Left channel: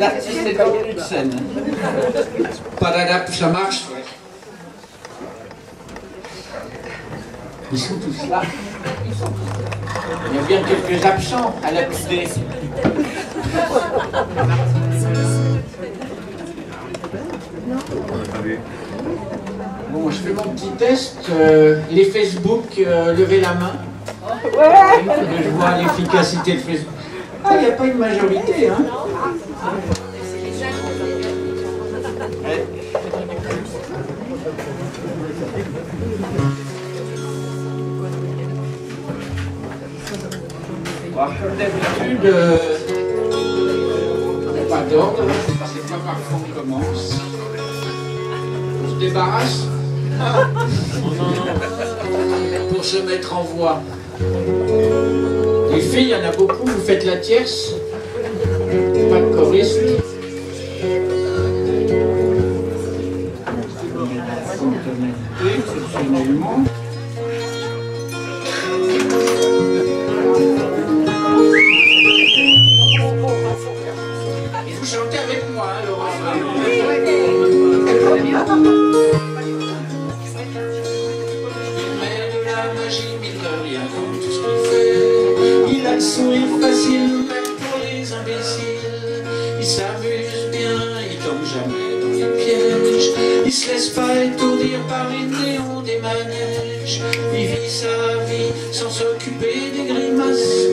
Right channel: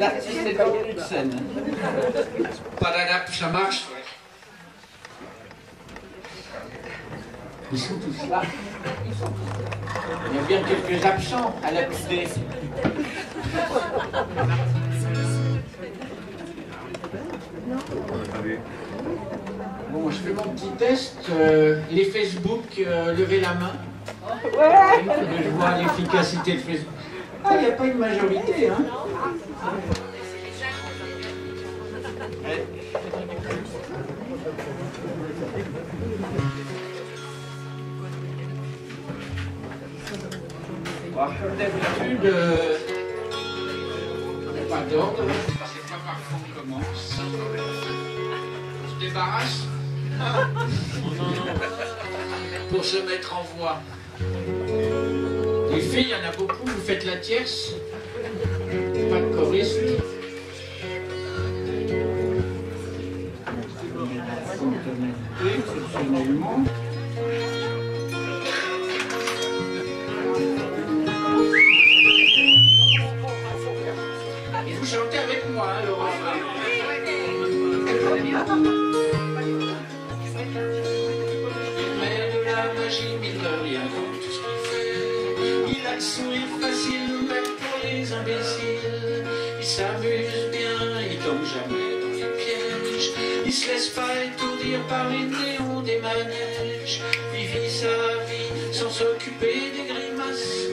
L'artiste est en milieu de scène. Padadap, ça marche, ouais. Ils sont tous là. Il y a bien quelques absents à la QD. Bon, je fais mon petit test. Les Facebook, levez la main. Je vois l'efficacité de Facebook. Ah, il n'y a pas une majorité, hein. Bon, comme d'habitude, pas d'ordre, c'est pas par contre on commence. On se débarrasse pour se mettre en voie. Les filles, il y en a beaucoup, vous faites la tierce, pas de choriste. Exceptionnellement. Et vous chantez avec moi, hein, le refrain. Il met de la magie, mine de rien, comme tout ce qu'il fait. Il a le sourire facile, même pour les imbéciles. Il s'amuse bien, il tombe jamais dans les pièges. Il se laisse pas étourdir par les néons des manèges. Il vit sa vie sans s'occuper des grimaces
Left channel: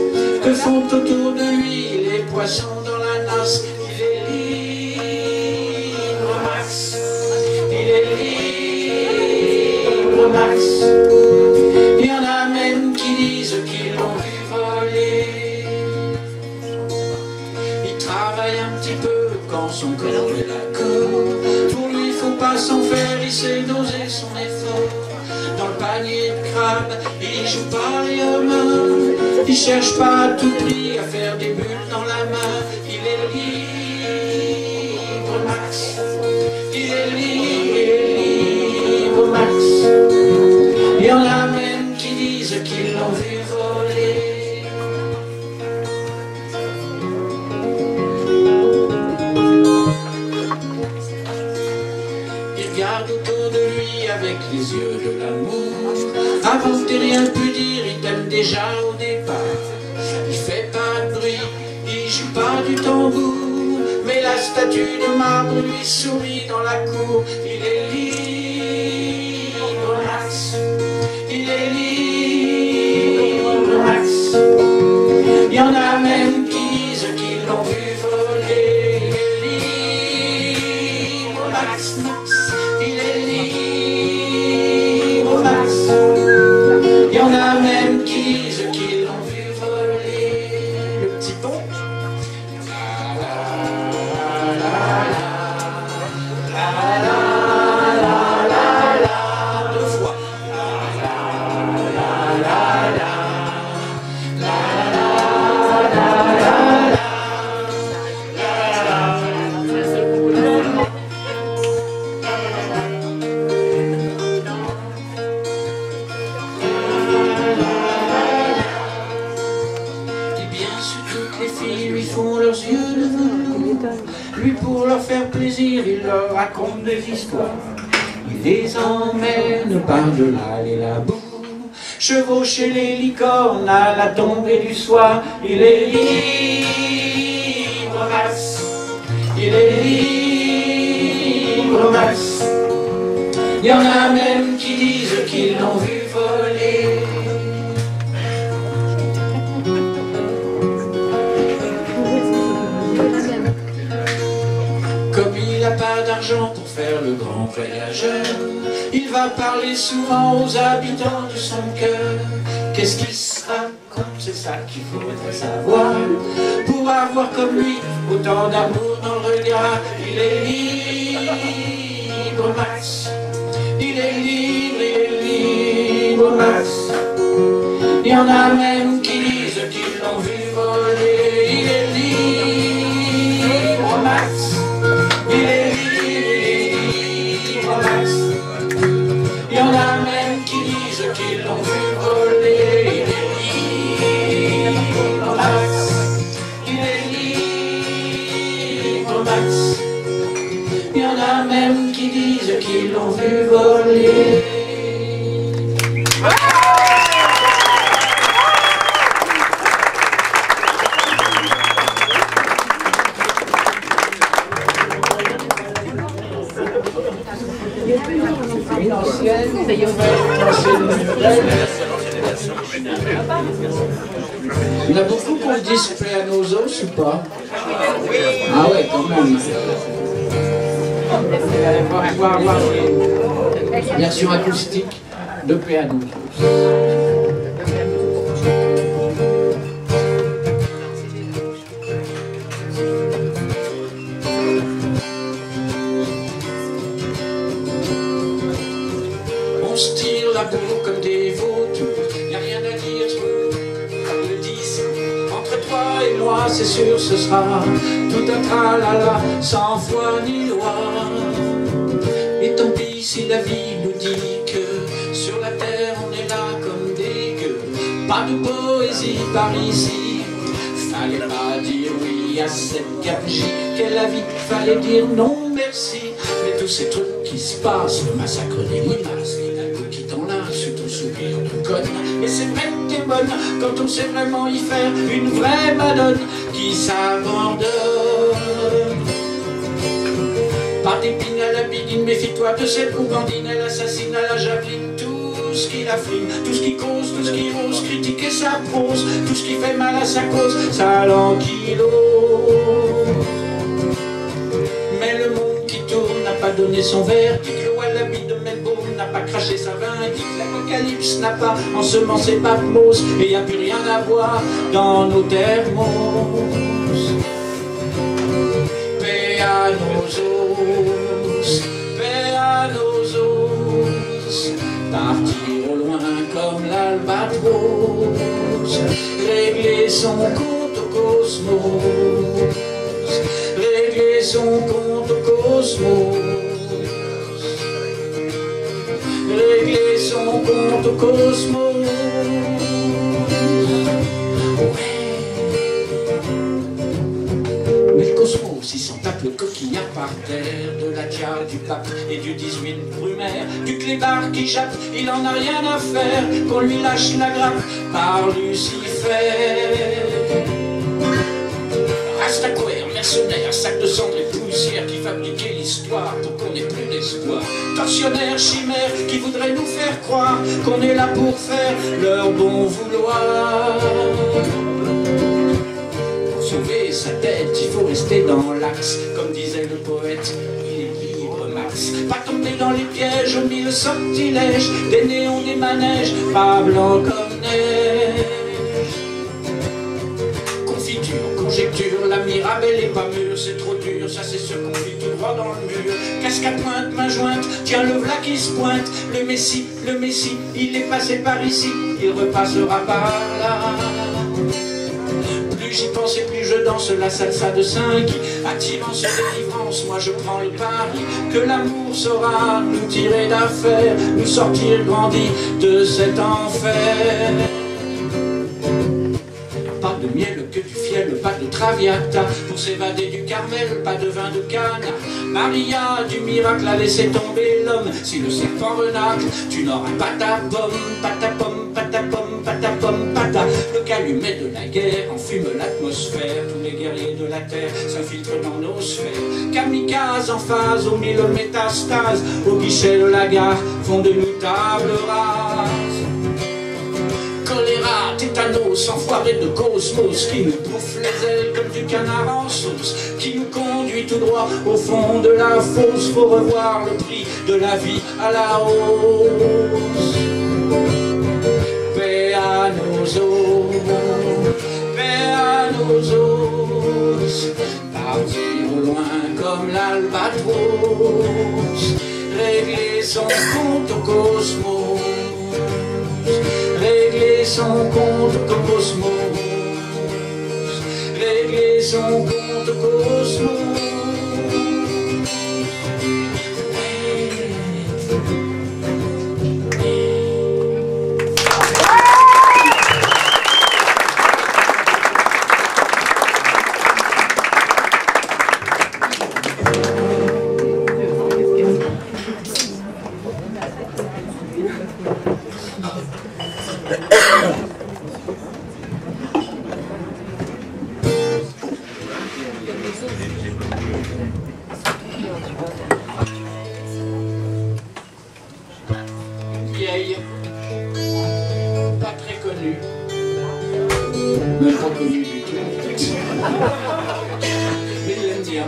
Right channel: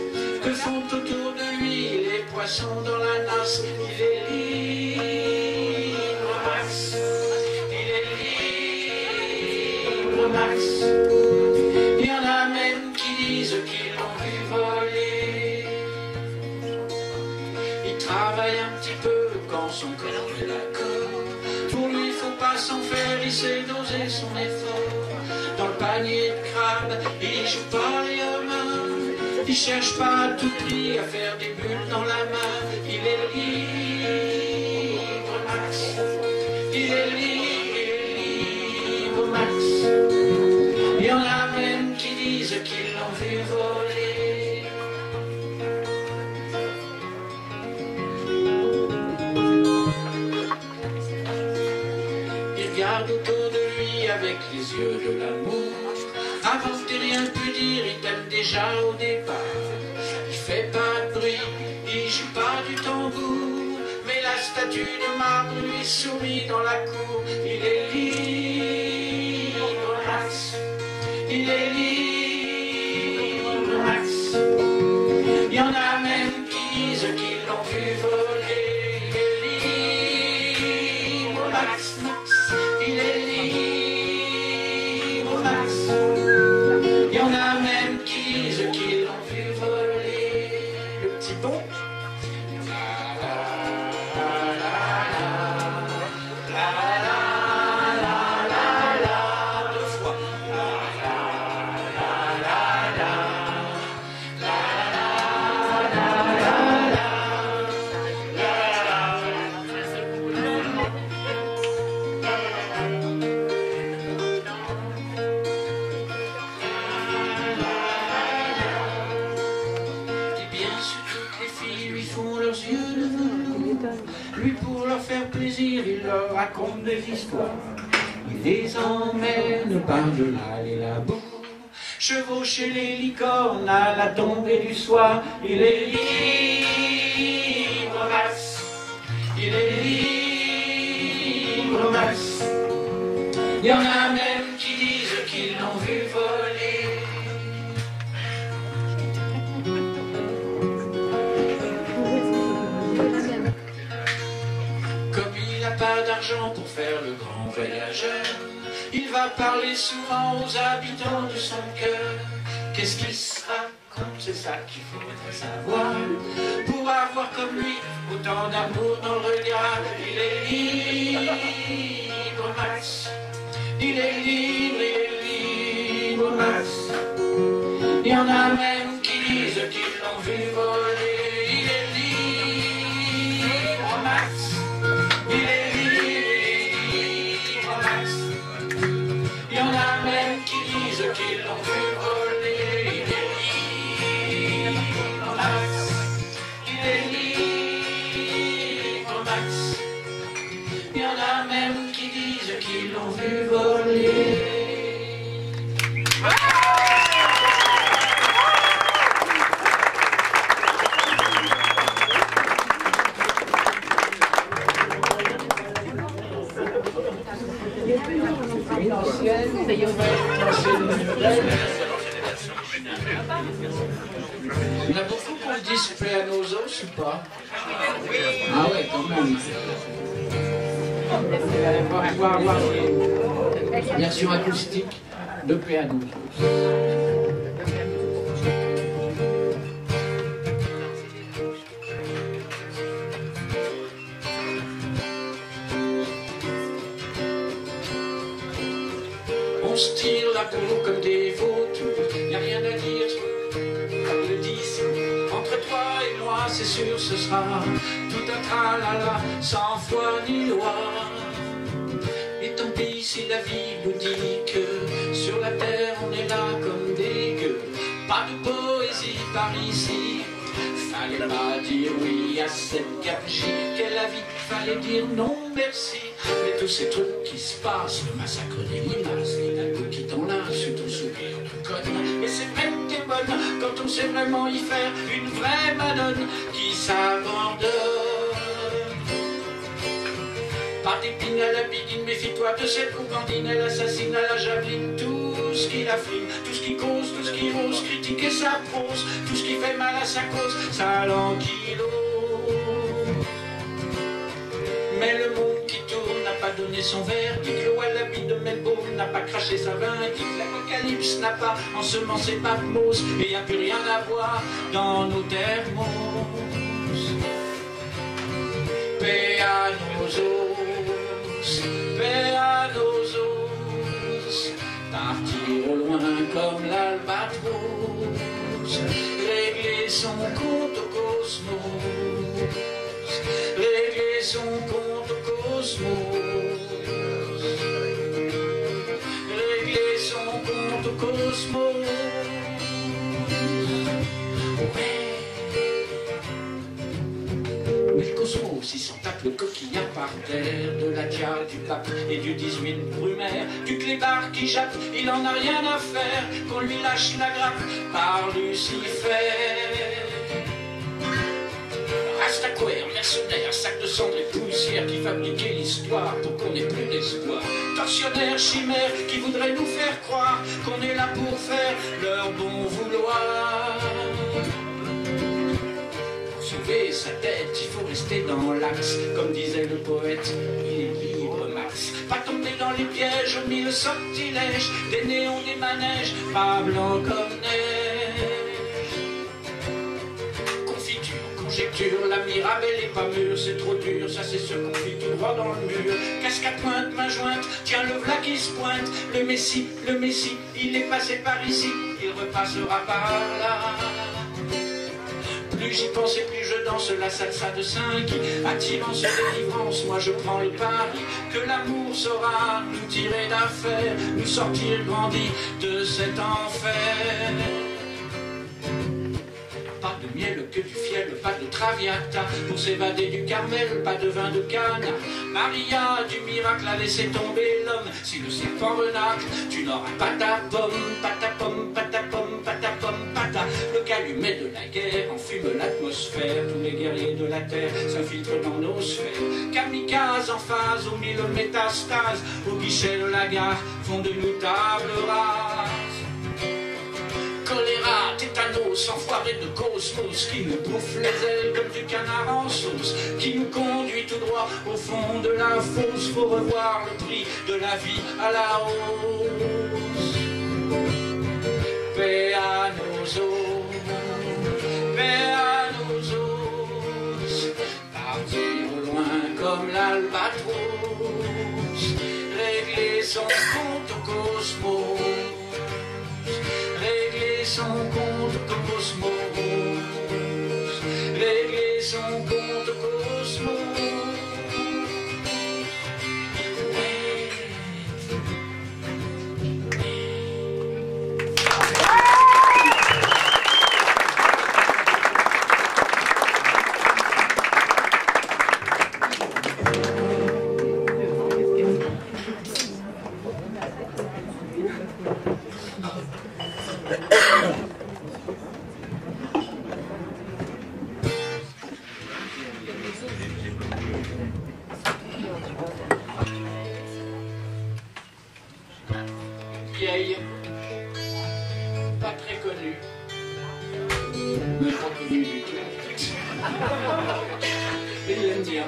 que font autour de lui les poissons dans la nasse. Il est libre, Max. Il est libre, Max. Il y en a même qui disent qu'ils l'ont vu voler. Il travaille un petit peu quand son corps est d'accord. Pour lui, faut pas s'en faire, il sait doser son effort. Dans le panier de crabe, il joue pas les hommes. Il cherche pas à tout prix à faire des bulles dans la main. Il est libre, Max. Il est libre, Max. Il y en a même qui disent qu'ils l'ont vu voler. Il regarde autour de lui avec les yeux de l'amour. Avant que t'aies rien pu dire, il t'aime déjà au départ. Il fait pas de bruit, il joue pas du tambour, mais la statue de marbre lui sourit dans la cour. Il est libre, Max. Il est libre, Max. Il y en a même qui disent qu'ils l'ont vu voler. Il est libre, Max, Max. Il est libre, Max. Il y en a même qui disent qu'ils l'ont vu voler. Le petit pont. Deux fois. Lui, pour leur faire plaisir, il leur raconte des histoires. Il les emmène par-delà les labos, chevaucher les licornes à la tombée du soir. Il est libre, Max. Il est libre, Max. Il y en a même qui disent qu'ils l'ont vu voler. Comme il n'a pas d'argent pour faire le grand voyageur, il va parler souvent aux habitants de son cœur. Qu'est-ce qu'il se raconte, c'est ça qu'il faudrait savoir, pour avoir comme lui autant d'amour dans le regard. Il est libre, Max. Il est libre, Max. Il y en a même qui disent qu'ils l'ont vu voler. Il est libre, Max. Il est libre, Max. Il y en a même qui disent qu'ils l'ont vu voler. Il est libre, Max. Il est libre, Max. Il y en a même qui disent qu'ils l'ont vu voler. Il y en a beaucoup pour le disque Paix à nos os ou pas? Ah ouais, quand même. Version acoustique de Paix à nos os. On se tire la bourre comme des vautours, y a rien à dire, le disque. Entre toi et moi, c'est sûr, ce sera tout un tralala, sans foi ni loi. Et tant pis si la vie nous dit que sur la terre on est là comme des gueux. Pas de poésie par ici, fallait pas dire oui à cette gabegie. Qu'est la vie, fallait dire non merci. Mais tous ces trucs qui se passent, le massacre des limaces, les dalles qui t'enlacent sur ton sourire de conne. Et c'est vrai que t'es bonne quand on sait vraiment y faire une vraie madone qui s'abandonne. Pas d'épine à la bidine, méfie-toi de cette gourgandine. Elle assassine à la javeline tout ce qui la frime, tout ce qui cause, tout ce qui ose critiquer sa prose, tout ce qui fait mal à sa cause, ça l'enquilose. Mais le monde qui tourne n'a pas donné son verdict. Le wallaby de Melbourne n'a pas craché sa vindicte. L'apocalypse n'a pas ensemencé Patmos. Et y a plus rien à voir dans nos thermos. Paix à nos os, paix à nos os. Partir au loin comme l'albatros. Régler son compte au cosmos. Régler son compte au cosmos. Régler son compte au cosmos. Ouais. Mais le cosmos, il s'en tape le coquillard par terre. De la diade, du pape et du 18 Brumaire. Du clébard qui jappe, il en a rien à faire. Qu'on lui lâche la grappe par Lucifer. Rastaquaire, mercenaire, sac de cendres et poussière qui fabriquait l'histoire pour qu'on ait plus d'espoir. Tortionnaire, chimère qui voudrait nous faire croire qu'on est là pour faire leur bon vouloir. Pour sauver sa tête, il faut rester dans l'axe. Comme disait le poète, il est libre, Max. Pas tomber dans les pièges aux mille sortilèges, des néons, des manèges, pas blanc comme neige. Conjecture, la mirabelle est pas mûre, c'est trop dur, ça c'est ce qu'on vit tout droit dans le mur. Casque à pointe, main jointe, tiens le v'là qui se pointe. Le Messie, il est passé par ici, il repassera par là. Plus j'y pense et plus je danse la salsa de 5. Attirance et délivrance, moi je prends le pari que l'amour saura nous tirer d'affaire, nous sortir grandis de cet enfer. Pas de miel que du fiel, pas de traviata pour s'évader du Carmel, pas de vin de Cana. Maria du miracle a laissé tomber l'homme. Si le serpent renacle, tu n'auras pas ta pomme, pas ta pomme, pas ta pomme, pas ta pomme, pas ta. Le calumet de la guerre enfume l'atmosphère. Tous les guerriers de la terre s'infiltrent dans nos sphères. Kamikaze en phase aux 1000 métastases. Au guichet de la gare font de nous table rase. Choléra, tétanos, enfoiré de cosmos qui nous bouffe les ailes comme du canard en sauce, qui nous conduit tout droit au fond de la fosse. Faut revoir le prix de la vie à la hausse. Paix à nos os, paix à nos os. Partir au loin comme comme l'albatros, régler son compte au cosmos, régler son compte au cosmos, régler son compte au cosmos. Vieille, pas très connue, même pas connue du tout en fait, mais il l'aime bien.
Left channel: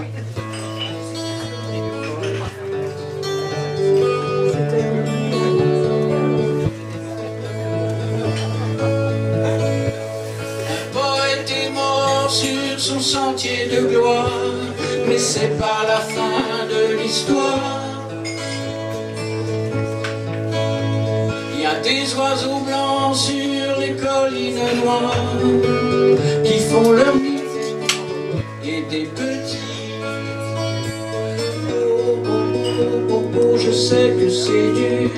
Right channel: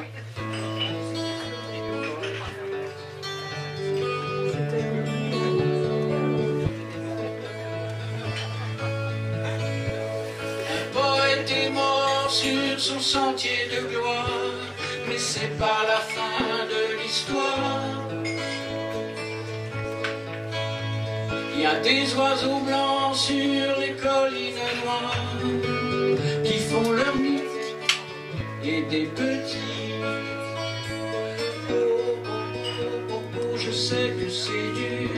Un poète est mort sur son sentier de gloire, mais c'est pas la fin de l'histoire. Il y a des oiseaux blancs sur les collines noires qui font leur nid et des petits. Oh, oh, oh, oh, oh, je sais que c'est dur,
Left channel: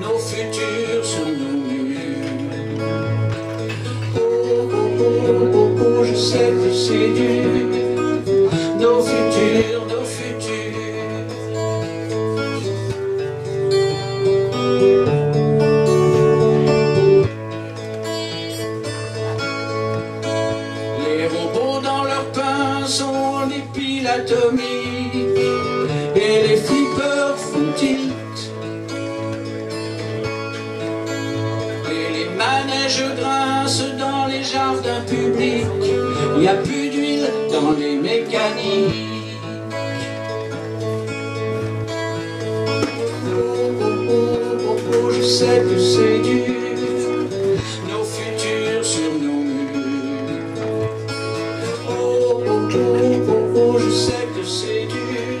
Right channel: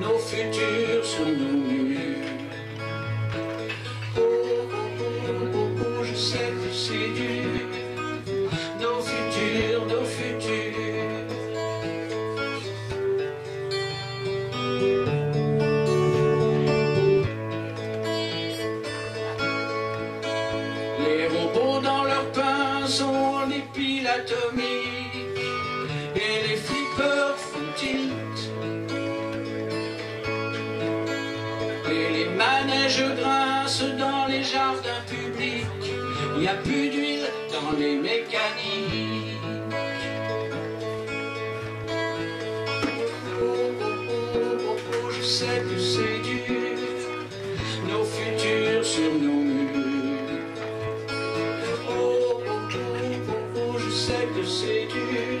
nos futurs sont nos murs. Oh, oh, oh, oh, oh, je sais que c'est dur, nos futurs, nos futurs. Atomique, et les flippers font tilt, et les manèges grincent dans les jardins publics. Il n'y a plus d'huile dans les mécaniques. Oh, oh, oh, oh, oh, je sais que c'est dur, nos futurs sur nos murs. Je sais que c'est dur,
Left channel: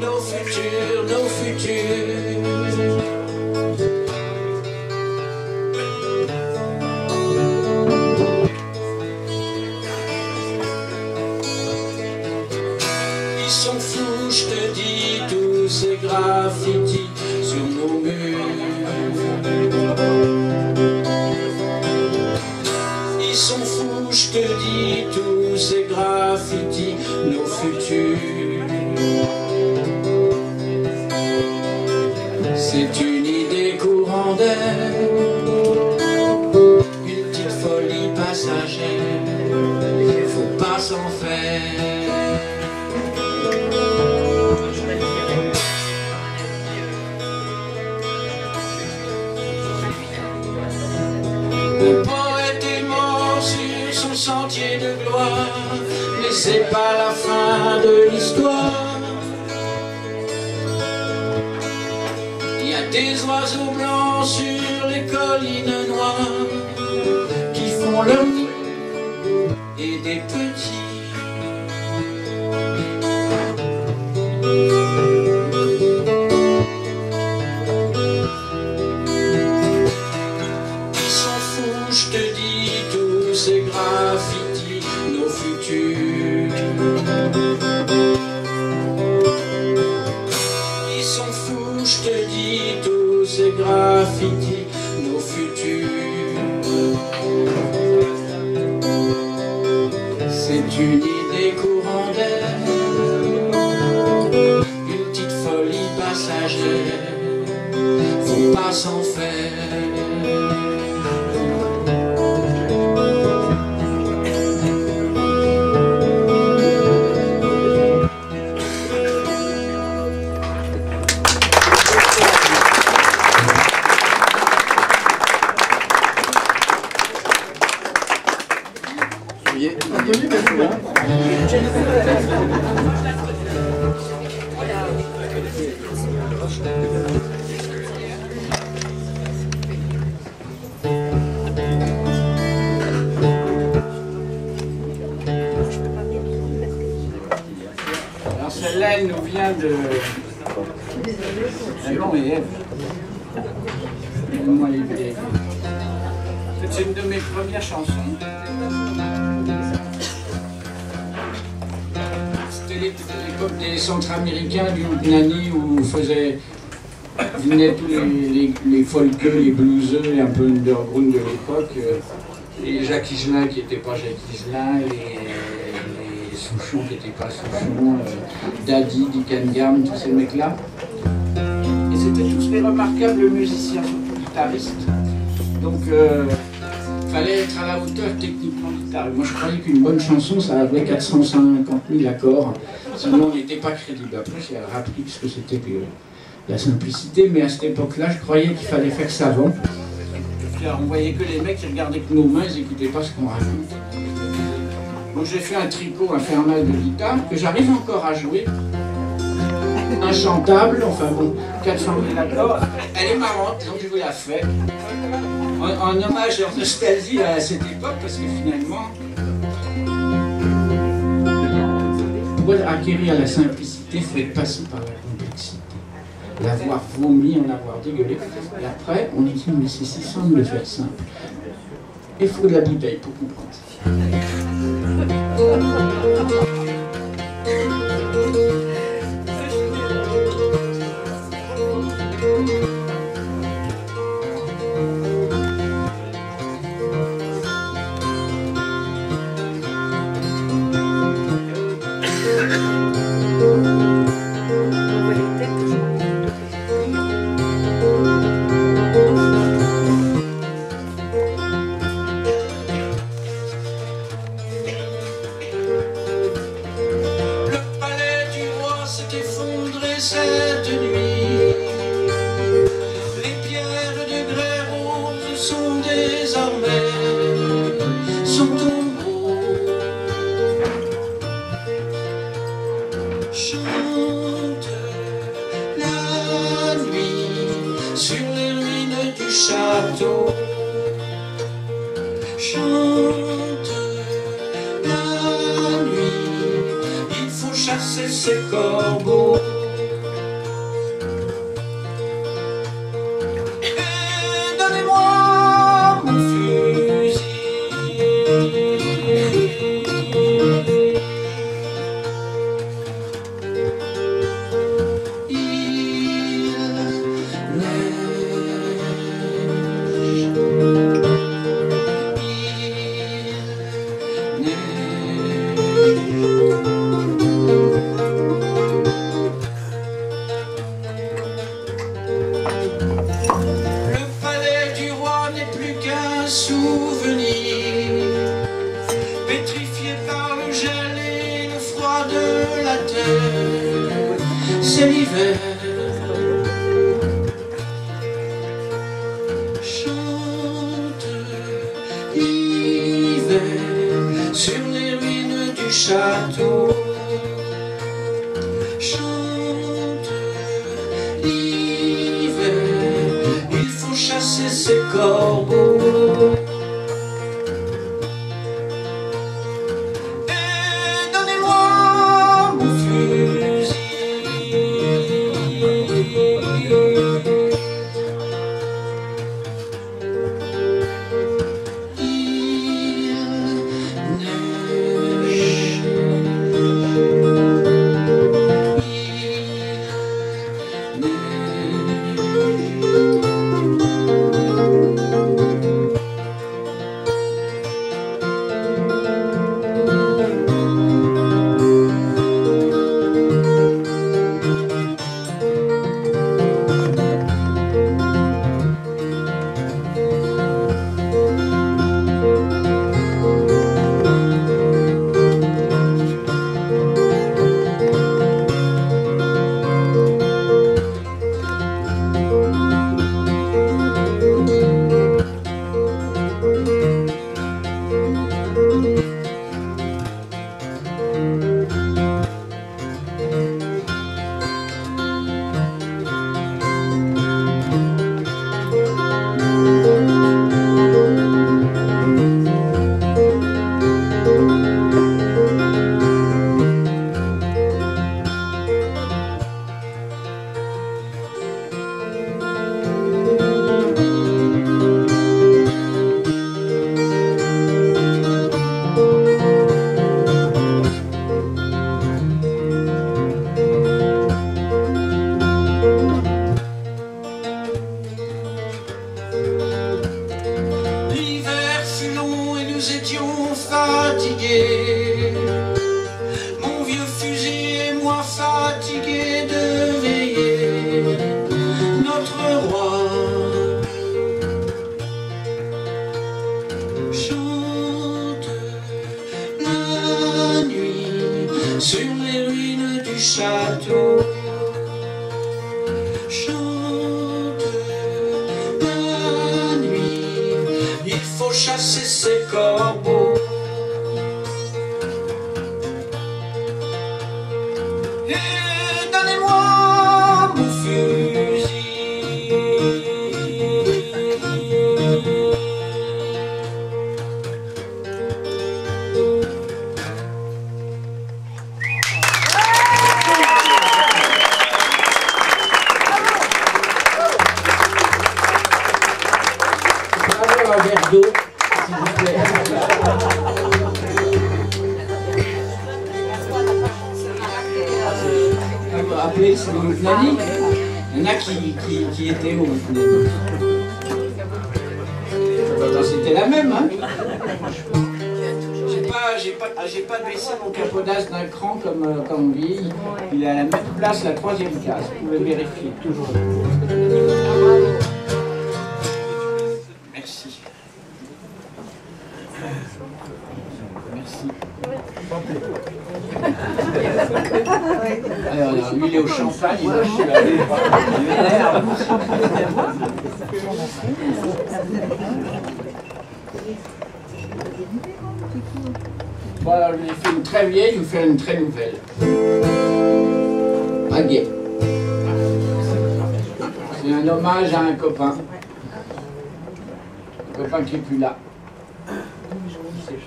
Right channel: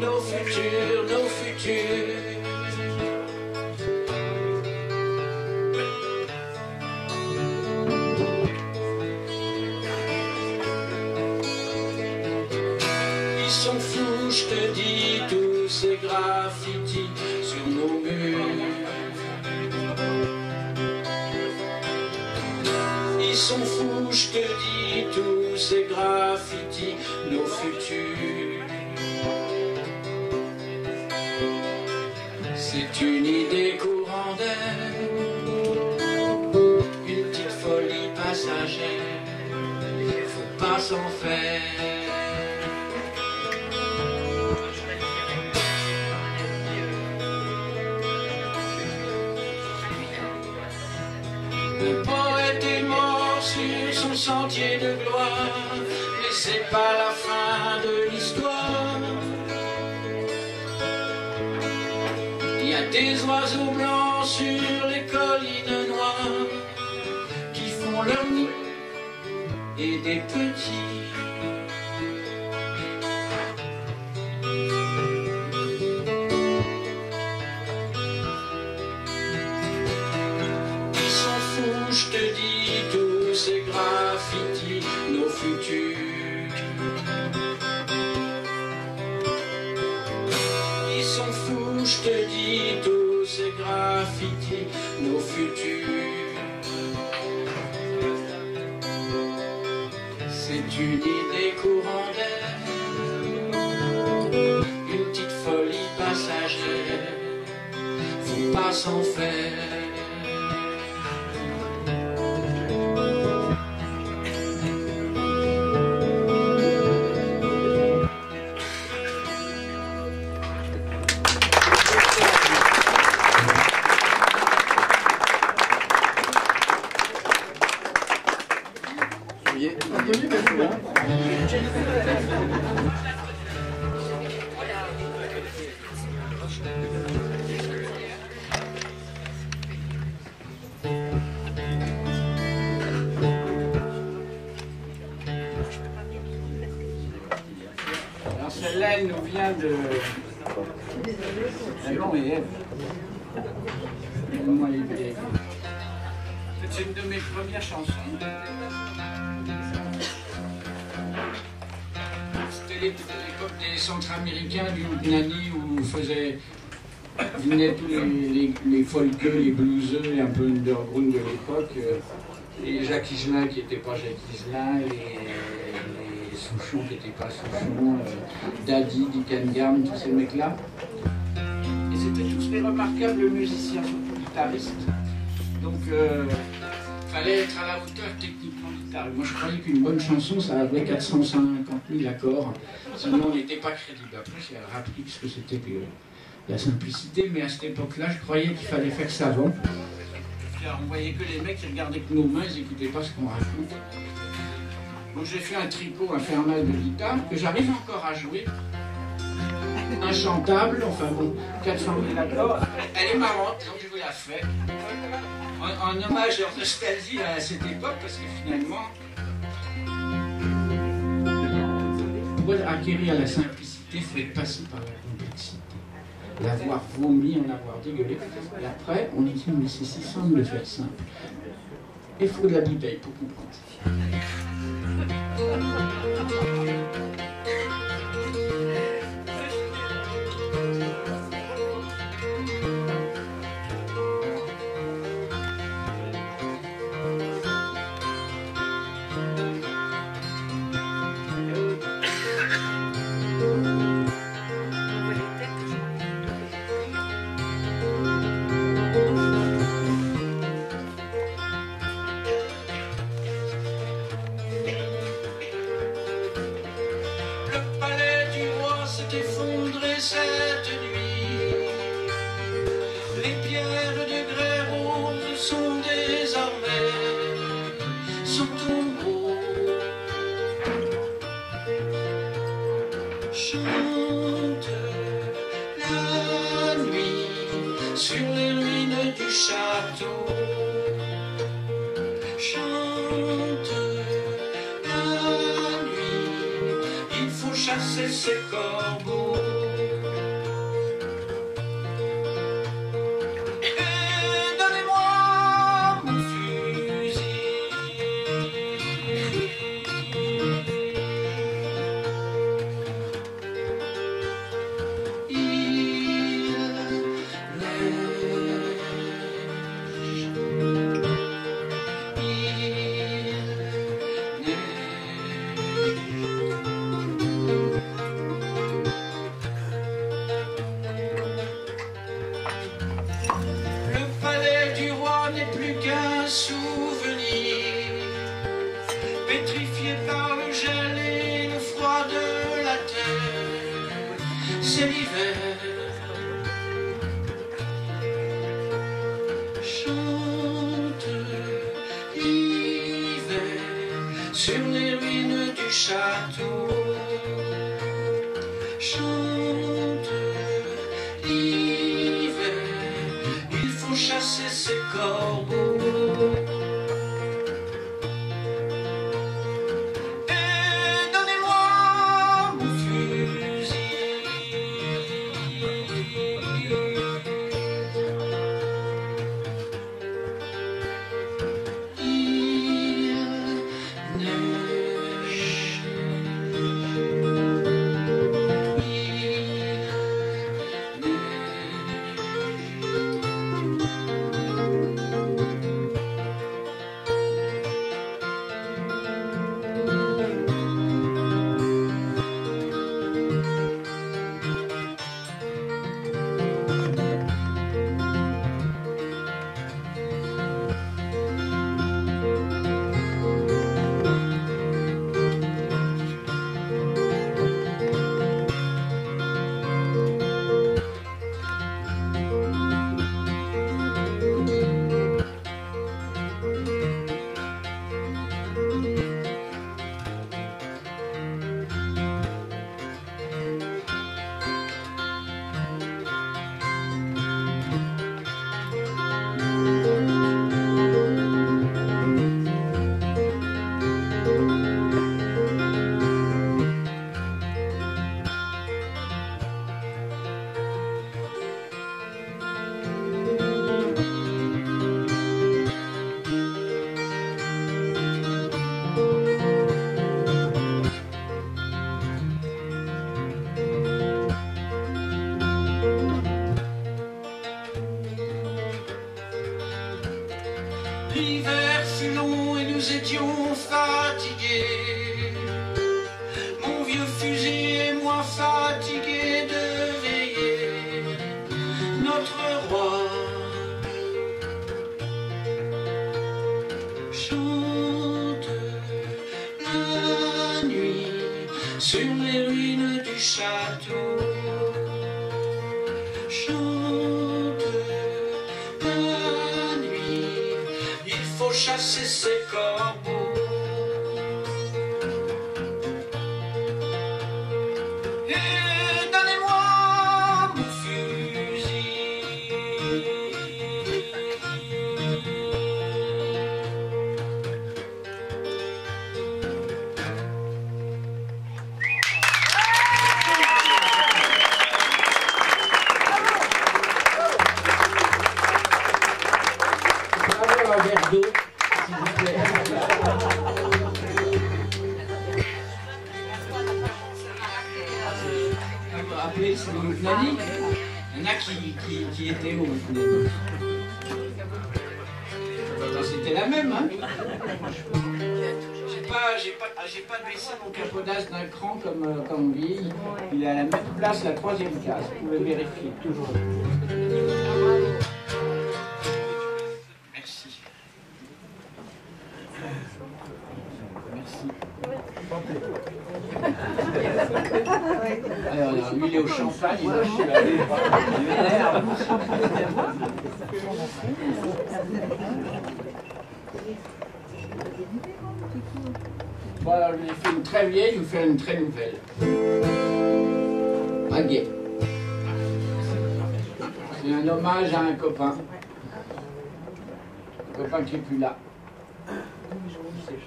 nos futurs, nos futurs. Ils sont fous, je te dis, tous ces graffitis sur nos murs. Ils sont fous, je te dis, tous ces graffitis, nos futurs. C'est une idée courant d'air, une petite folie passagère, faut pas s'en faire. Le poète est mort sur son sentier de gloire, mais c'est pas la fin de l'histoire. Il y a des oiseaux blancs sur les collines noires qui font leur nid et des petits. Je te dis, tous ces graffitis, nos futurs. Ils sont fous, je te dis, tous ces graffitis, nos futurs. C'est une idée courant d'air, une petite folie passagère, faut pas s'en faire. Alors celle-là, elle nous vient de Adam et Ève. Comment elle est. C'est une de mes premières chansons. C'était l'époque des centra-américains du Houtnani où venaient tous les folkeux, les blueseux et un peu underground de l'époque. Et Jacques Higelin qui n'était pas Jacques Higelin, les Souchon qui n'étaient pas Souchon, Daddy, Dick Gam, tous ces mecs-là. Et c'était tous des remarquables musiciens, surtout guitaristes. Donc, il fallait être à la hauteur techniquement de guitare. Moi, je croyais qu'une bonne chanson, ça avait 450 000 accords. Sinon, on n'était pas crédible. Après, j'ai appris ce que c'était la simplicité. Mais à cette époque-là, je croyais qu'il fallait faire savant. On voyait que les mecs, ils regardaient que nos mains, ils n'écoutaient pas ce qu'on raconte. Donc, j'ai fait un tricot infernal de guitare que j'arrive encore à jouer. Inchantable, enfin bon, 400 000 accords. Elle est marrante, donc je vous la fais. En hommage et en nostalgie à cette époque, parce que finalement, pour acquérir la simplicité, il faut être passé par la complexité. L'avoir vomi, en avoir dégueulé. Et après, on dit, mais c'est si simple de faire simple. Il faut de la bouteille pour comprendre ça. fenêtres du château. Chante la nuit, il faut chasser ces corbeaux. Et donnez-moi mon fusil. Un verre d'eau, s'il vous plaît. Vous vous rappelez, c'est le Flani. Il y en a qui étaient au Flani. C'était la même, hein. J'ai pas baissé mon capodage d'un cran comme vieille. Il est à la même place, la 3e case. Vous pouvez vérifier toujours. Merci. Merci. Alors, lui, il est au champagne, moi, je suis là. Bon, alors, je lui ai fait une très vieille, je vous fais une très nouvelle. Pas gay. C'est un hommage à un copain. Un copain qui n'est plus là.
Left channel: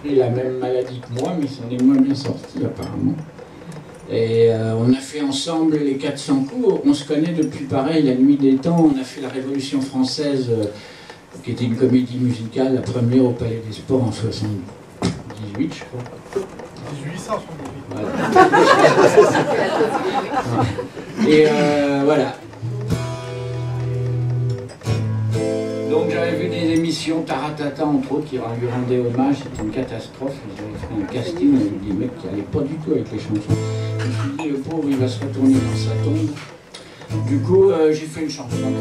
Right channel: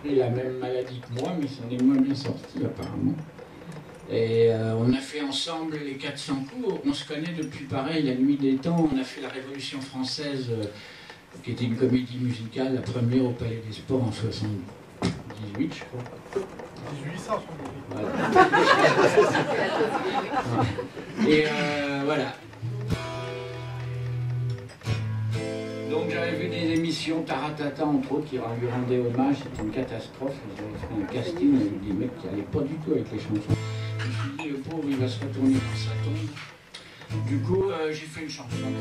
Il a la même maladie que moi, mais il s'en est moins bien sorti apparemment. Et on a fait ensemble les 400 coups. On se connaît depuis pareil, la nuit des temps. On a fait la Révolution française, qui était une comédie musicale, la première au Palais des Sports en 78, je crois. 1878. Voilà. Et voilà. Donc j'avais vu des émissions Taratata entre autres qui lui rendaient hommage, c'était une catastrophe. Ils avaient fait un casting avec des mecs qui n'allaient pas du tout avec les chansons. Je me suis dit, le pauvre, il va se retourner dans sa tombe. Du coup, j'ai fait une chanson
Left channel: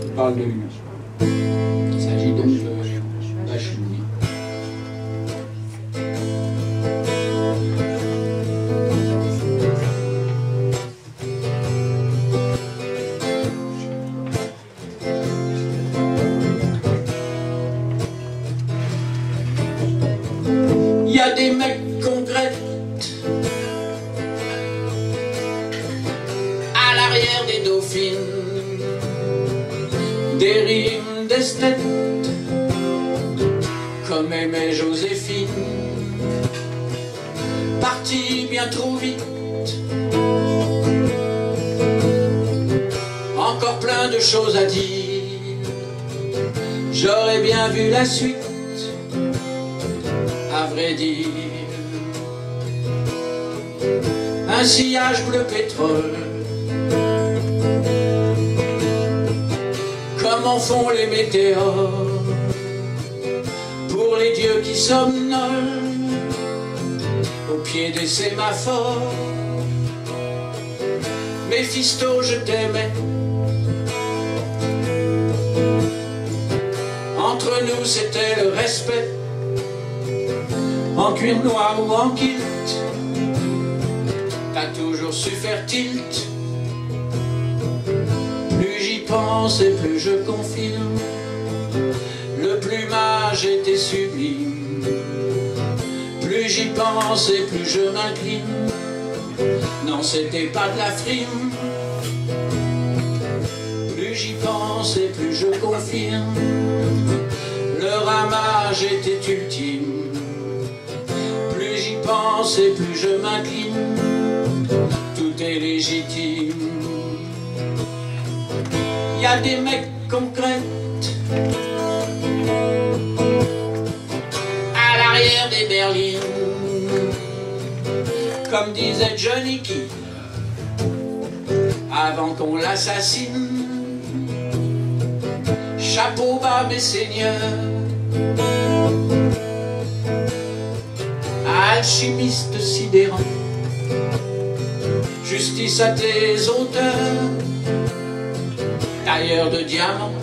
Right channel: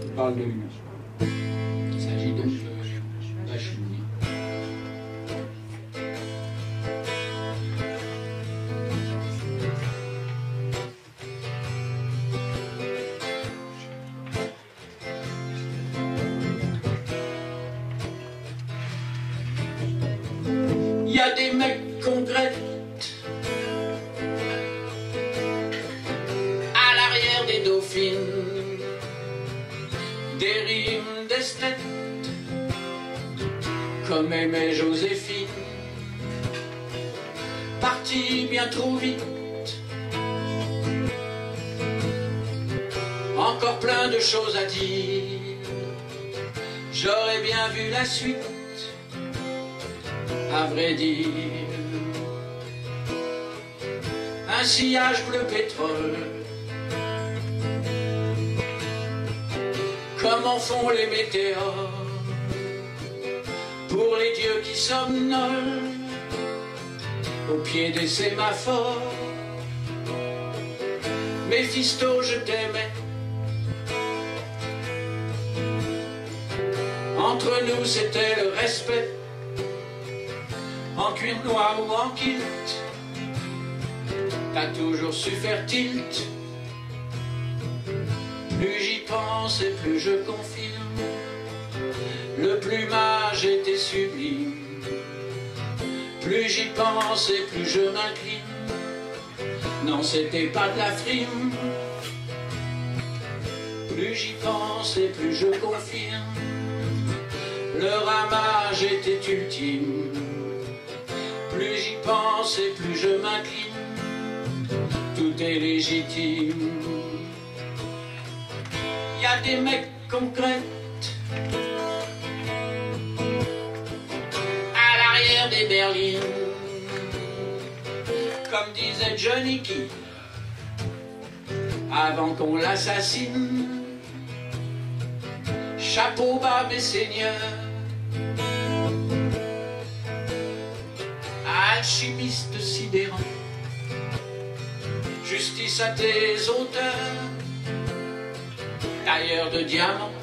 qui parle de lui. Il s'agit donc de Bachouni. Il y a des mecs qu'on grette à l'arrière des dauphines, des rimes d'esthète comme aimait Joséphine, parti bien trop vite, encore plein de choses à dire, j'aurais bien vu la suite. À vrai dire, un sillage bleu pétrole, comme en font les météores, pour les dieux qui somnolent, au pied des sémaphores. Méphisto, je t'aimais, entre nous c'était le respect. En cuir noir ou en kilt, t'as toujours su faire tilt. Plus j'y pense et plus je confirme, le plumage était sublime. Plus j'y pense et plus je m'incline, non c'était pas de la frime. Plus j'y pense et plus je confirme, le ramage était ultime. Plus j'y pense et plus je m'incline, tout est légitime. Y a des mecs concrets à l'arrière des berlines, comme disait Johnny Key avant qu'on l'assassine. Chapeau bas mes seigneurs, alchimiste sidérant, justice à tes auteurs, tailleur de diamants.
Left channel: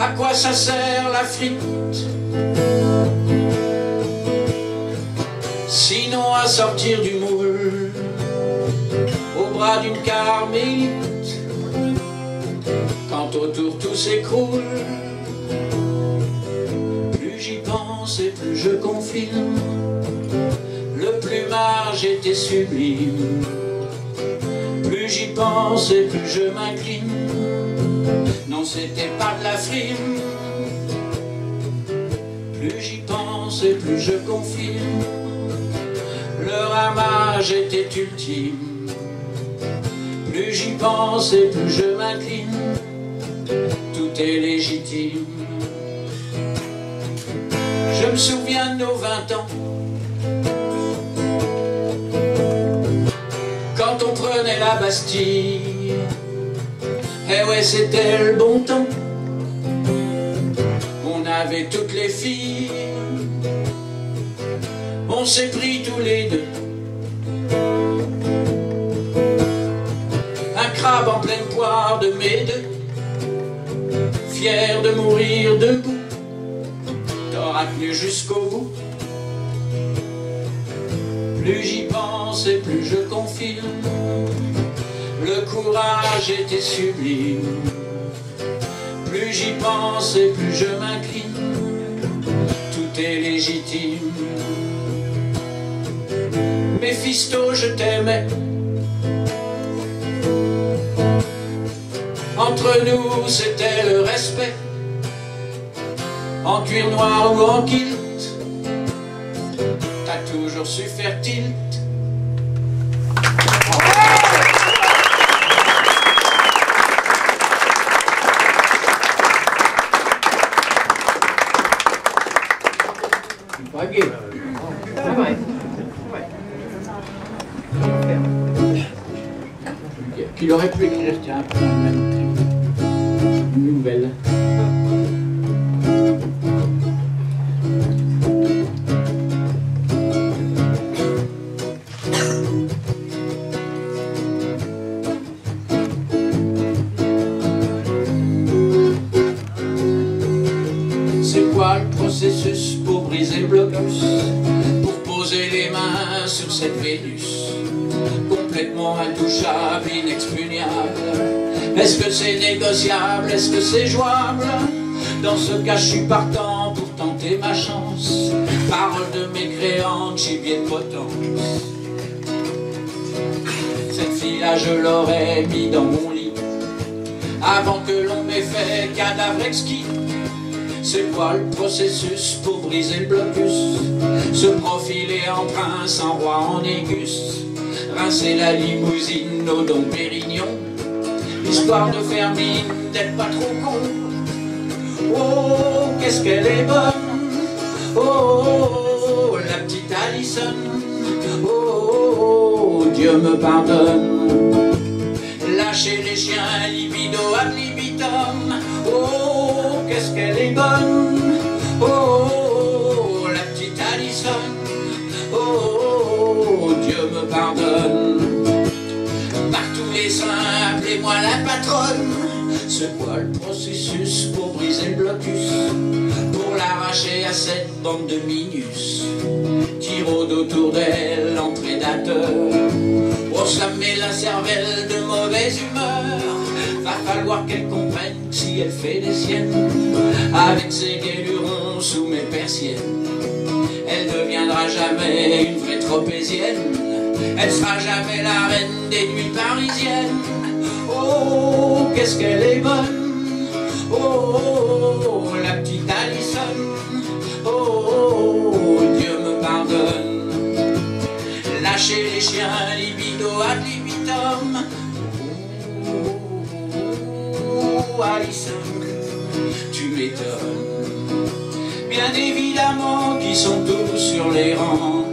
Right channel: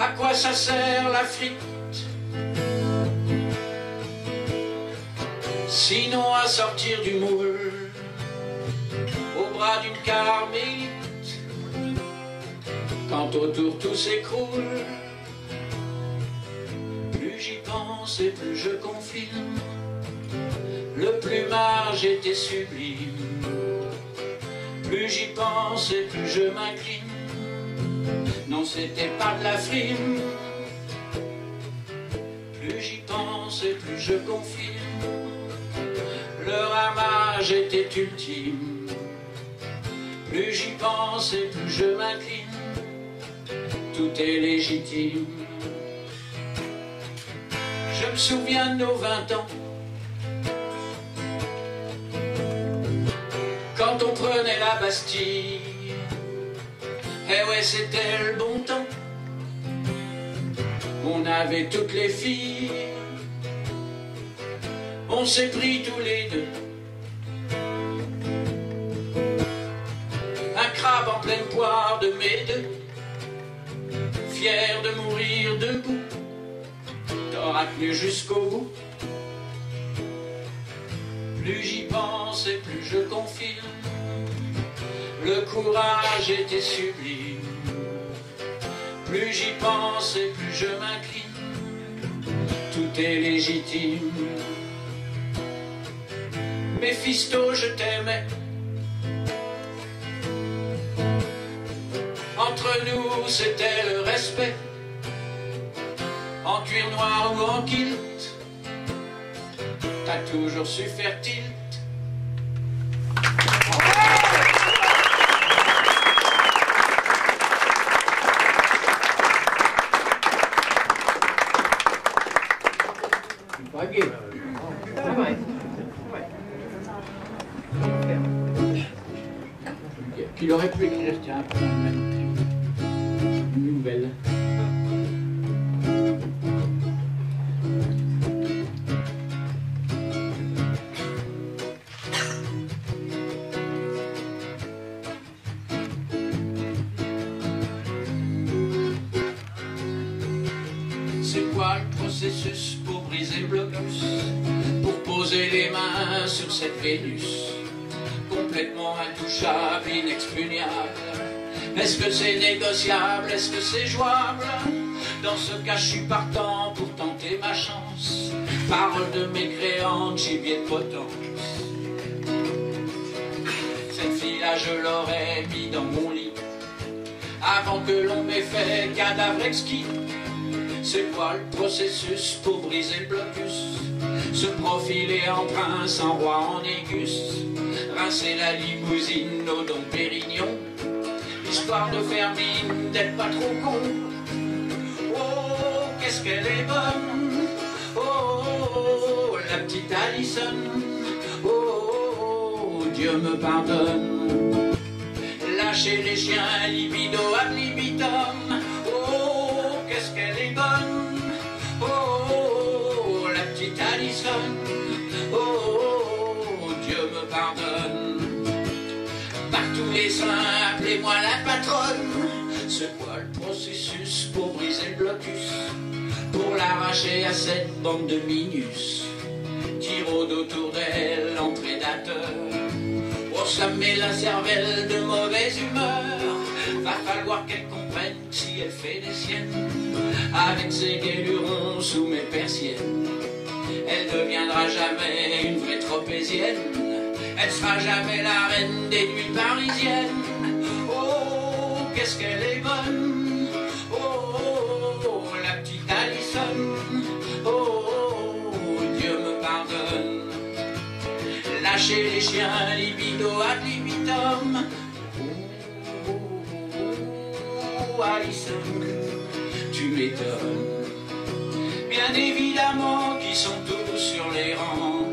À quoi ça sert la frite sinon à sortir du moule, au bras d'une carmélite, quand autour tout s'écroule. Plus j'y pense et plus je confirme, le plumage était sublime. Plus j'y pense et plus je m'incline, non c'était pas de la frime. Plus j'y pense et plus je confirme, le ramage était ultime. Plus j'y pense et plus je m'incline, tout est légitime. Je me souviens de nos 20 ans, quand on prenait la Bastille. Eh ouais, c'était le bon temps, on avait toutes les filles. On s'est pris tous les deux un crabe en pleine poire de mes deux, fier de mourir debout, t'auras tenu jusqu'au bout. Plus j'y pense et plus je confirme, le courage était sublime. Plus j'y pense et plus je m'incline, tout est légitime. Méphisto, je t'aimais, entre nous c'était le respect, en cuir noir ou en kilt, t'as toujours su faire tilt. Qu'il aurait pu écrire, tiens, un peu dans le même thème. Une nouvelle. C'est quoi le processus pour briser le blocus, pour poser les mains sur cette Vénus complètement intouchable, inexpugnable? Est-ce que c'est négociable? Est-ce que c'est jouable? Dans ce cas, je suis partant pour tenter ma chance. Parole de mécréante, gibier de potence. Cette fille-là, je l'aurais mis dans mon lit avant que l'on m'ait fait cadavre exquis. C'est quoi le processus pour briser le blocus? Se profiler en prince, en roi, en Négus, rincer la limousine au Dom Pérignon, histoire de faire mine d'être pas trop con. Oh, qu'est-ce qu'elle est bonne, oh, la petite Alison, oh, Dieu me pardonne. Lâcher les chiens, libido ad libitum, oh, qu'est-ce qu'elle est bonne, oh, la petite Alison, oh, Dieu me pardonne. Par tous les saints, appelez-moi la patronne. C'est quoi le processus pour briser le blocus, pour l'arracher à cette bande de minus qui rôde autour d'elle en prédateur? Oh, ça met la cervelle de mauvaise humeur. Va falloir qu'elle comprenne que si elle fait des siennes, avec ses guélurons sous mes persiennes, elle deviendra jamais une vraie tropézienne. Elle sera jamais la reine des nuits parisiennes. Oh, qu'est-ce qu'elle est bonne, oh, la petite Alison, oh, Dieu me pardonne. Lâcher les chiens, libido ad libitum, oh, Alison, tu m'étonnes. Bien évidemment qui sont tous sur les rangs,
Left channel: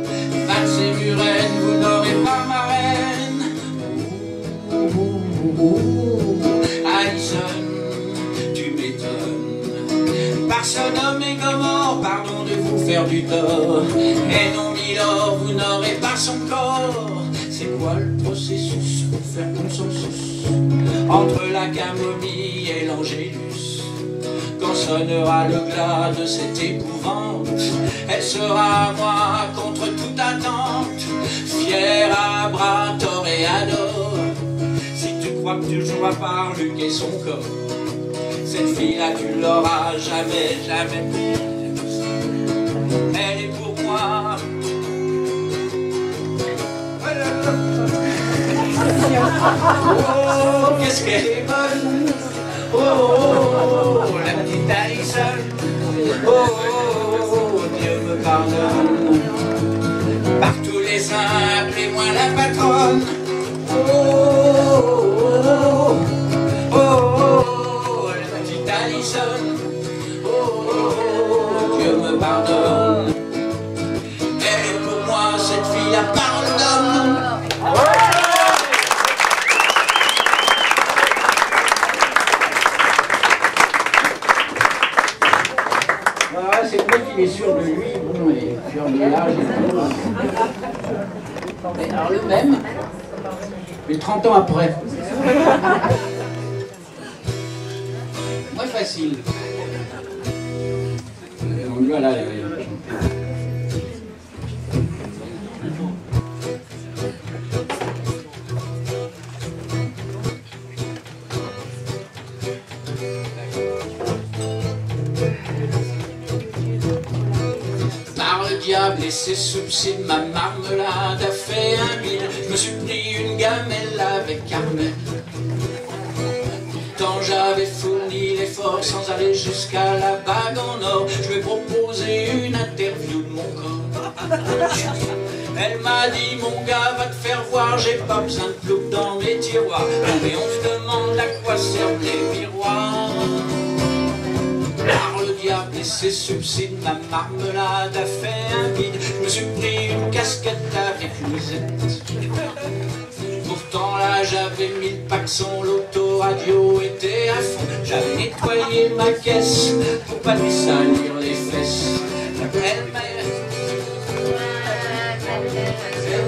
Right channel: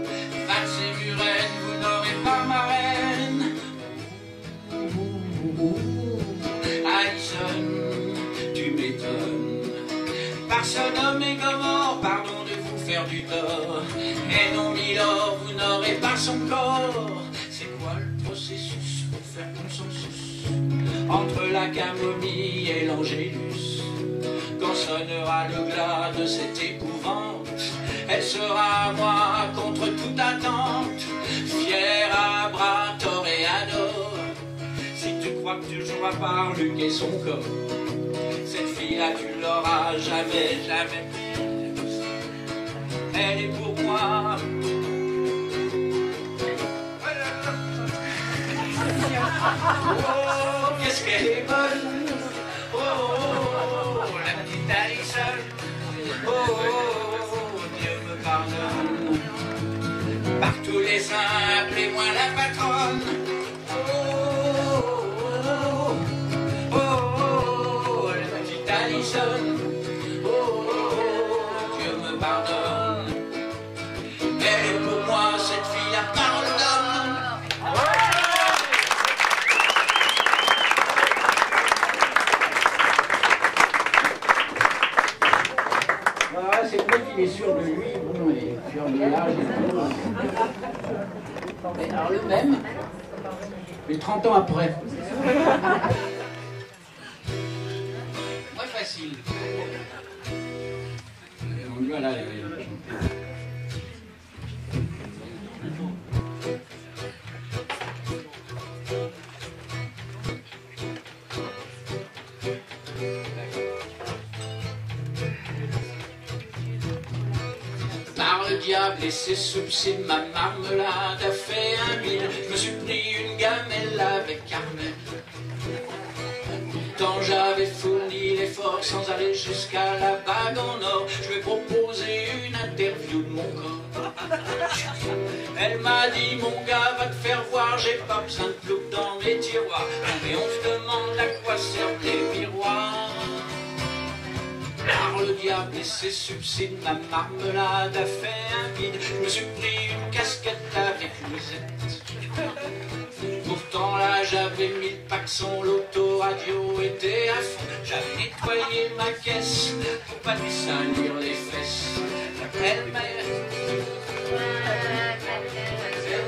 Valse et Muren, vous n'aurez pas ma reine. Alison, tu m'étonnes. Par Sodome et Gomorrhe, pardon de vous faire du tort, et non milord, vous n'aurez pas son corps. C'est quoi le processus pour faire consensus entre la camomille et l'angélus? Quand sonnera le glas de cette épouvante, Elle sera à moi contre toute attente, fière à bras, toréador. Si tu crois que tu joueras par Luc et son corps, cette fille-là tu l'auras jamais, jamais. Elle est pour moi. Oh, qu'est-ce qu'elle est bonne. Oh, oh, oh, la petite Alison. Oh, oh, oh, Dieu me pardonne. Par tous les saints, appelez-moi la patronne. Oh, oh, oh, oh, la petite Alison. Oh, oh, oh, Dieu me pardonne. Elle est pour moi cette fille à parole d'homme. C'est vrai qu'il est sûr de lui, bon, et sûr de l'âge et tout. Mais alors le même, mais 30 ans après. Moins facile. Donc voilà. Par le diable et ses subsides, ma marmelade a fait un bide. Je me suis pris une gamelle avec Carmel. Pourtant j'avais fourni l'effort sans aller jusqu'à la bague en or. Je lui ai proposé une interview de mon corps. Elle m'a dit, mon gars, va te faire voir, j'ai pas besoin de plouc dans mes tiroirs. Mais on se demande à quoi servent les miroirs. Par le diable et ses subsides, ma marmelade a fait un vide. Je me suis pris une casquette avec Louisette. Pourtant là j'avais mis le paxon, l'autoradio était à fond. J'avais nettoyé ma caisse pour pas lui salir les fesses. Elle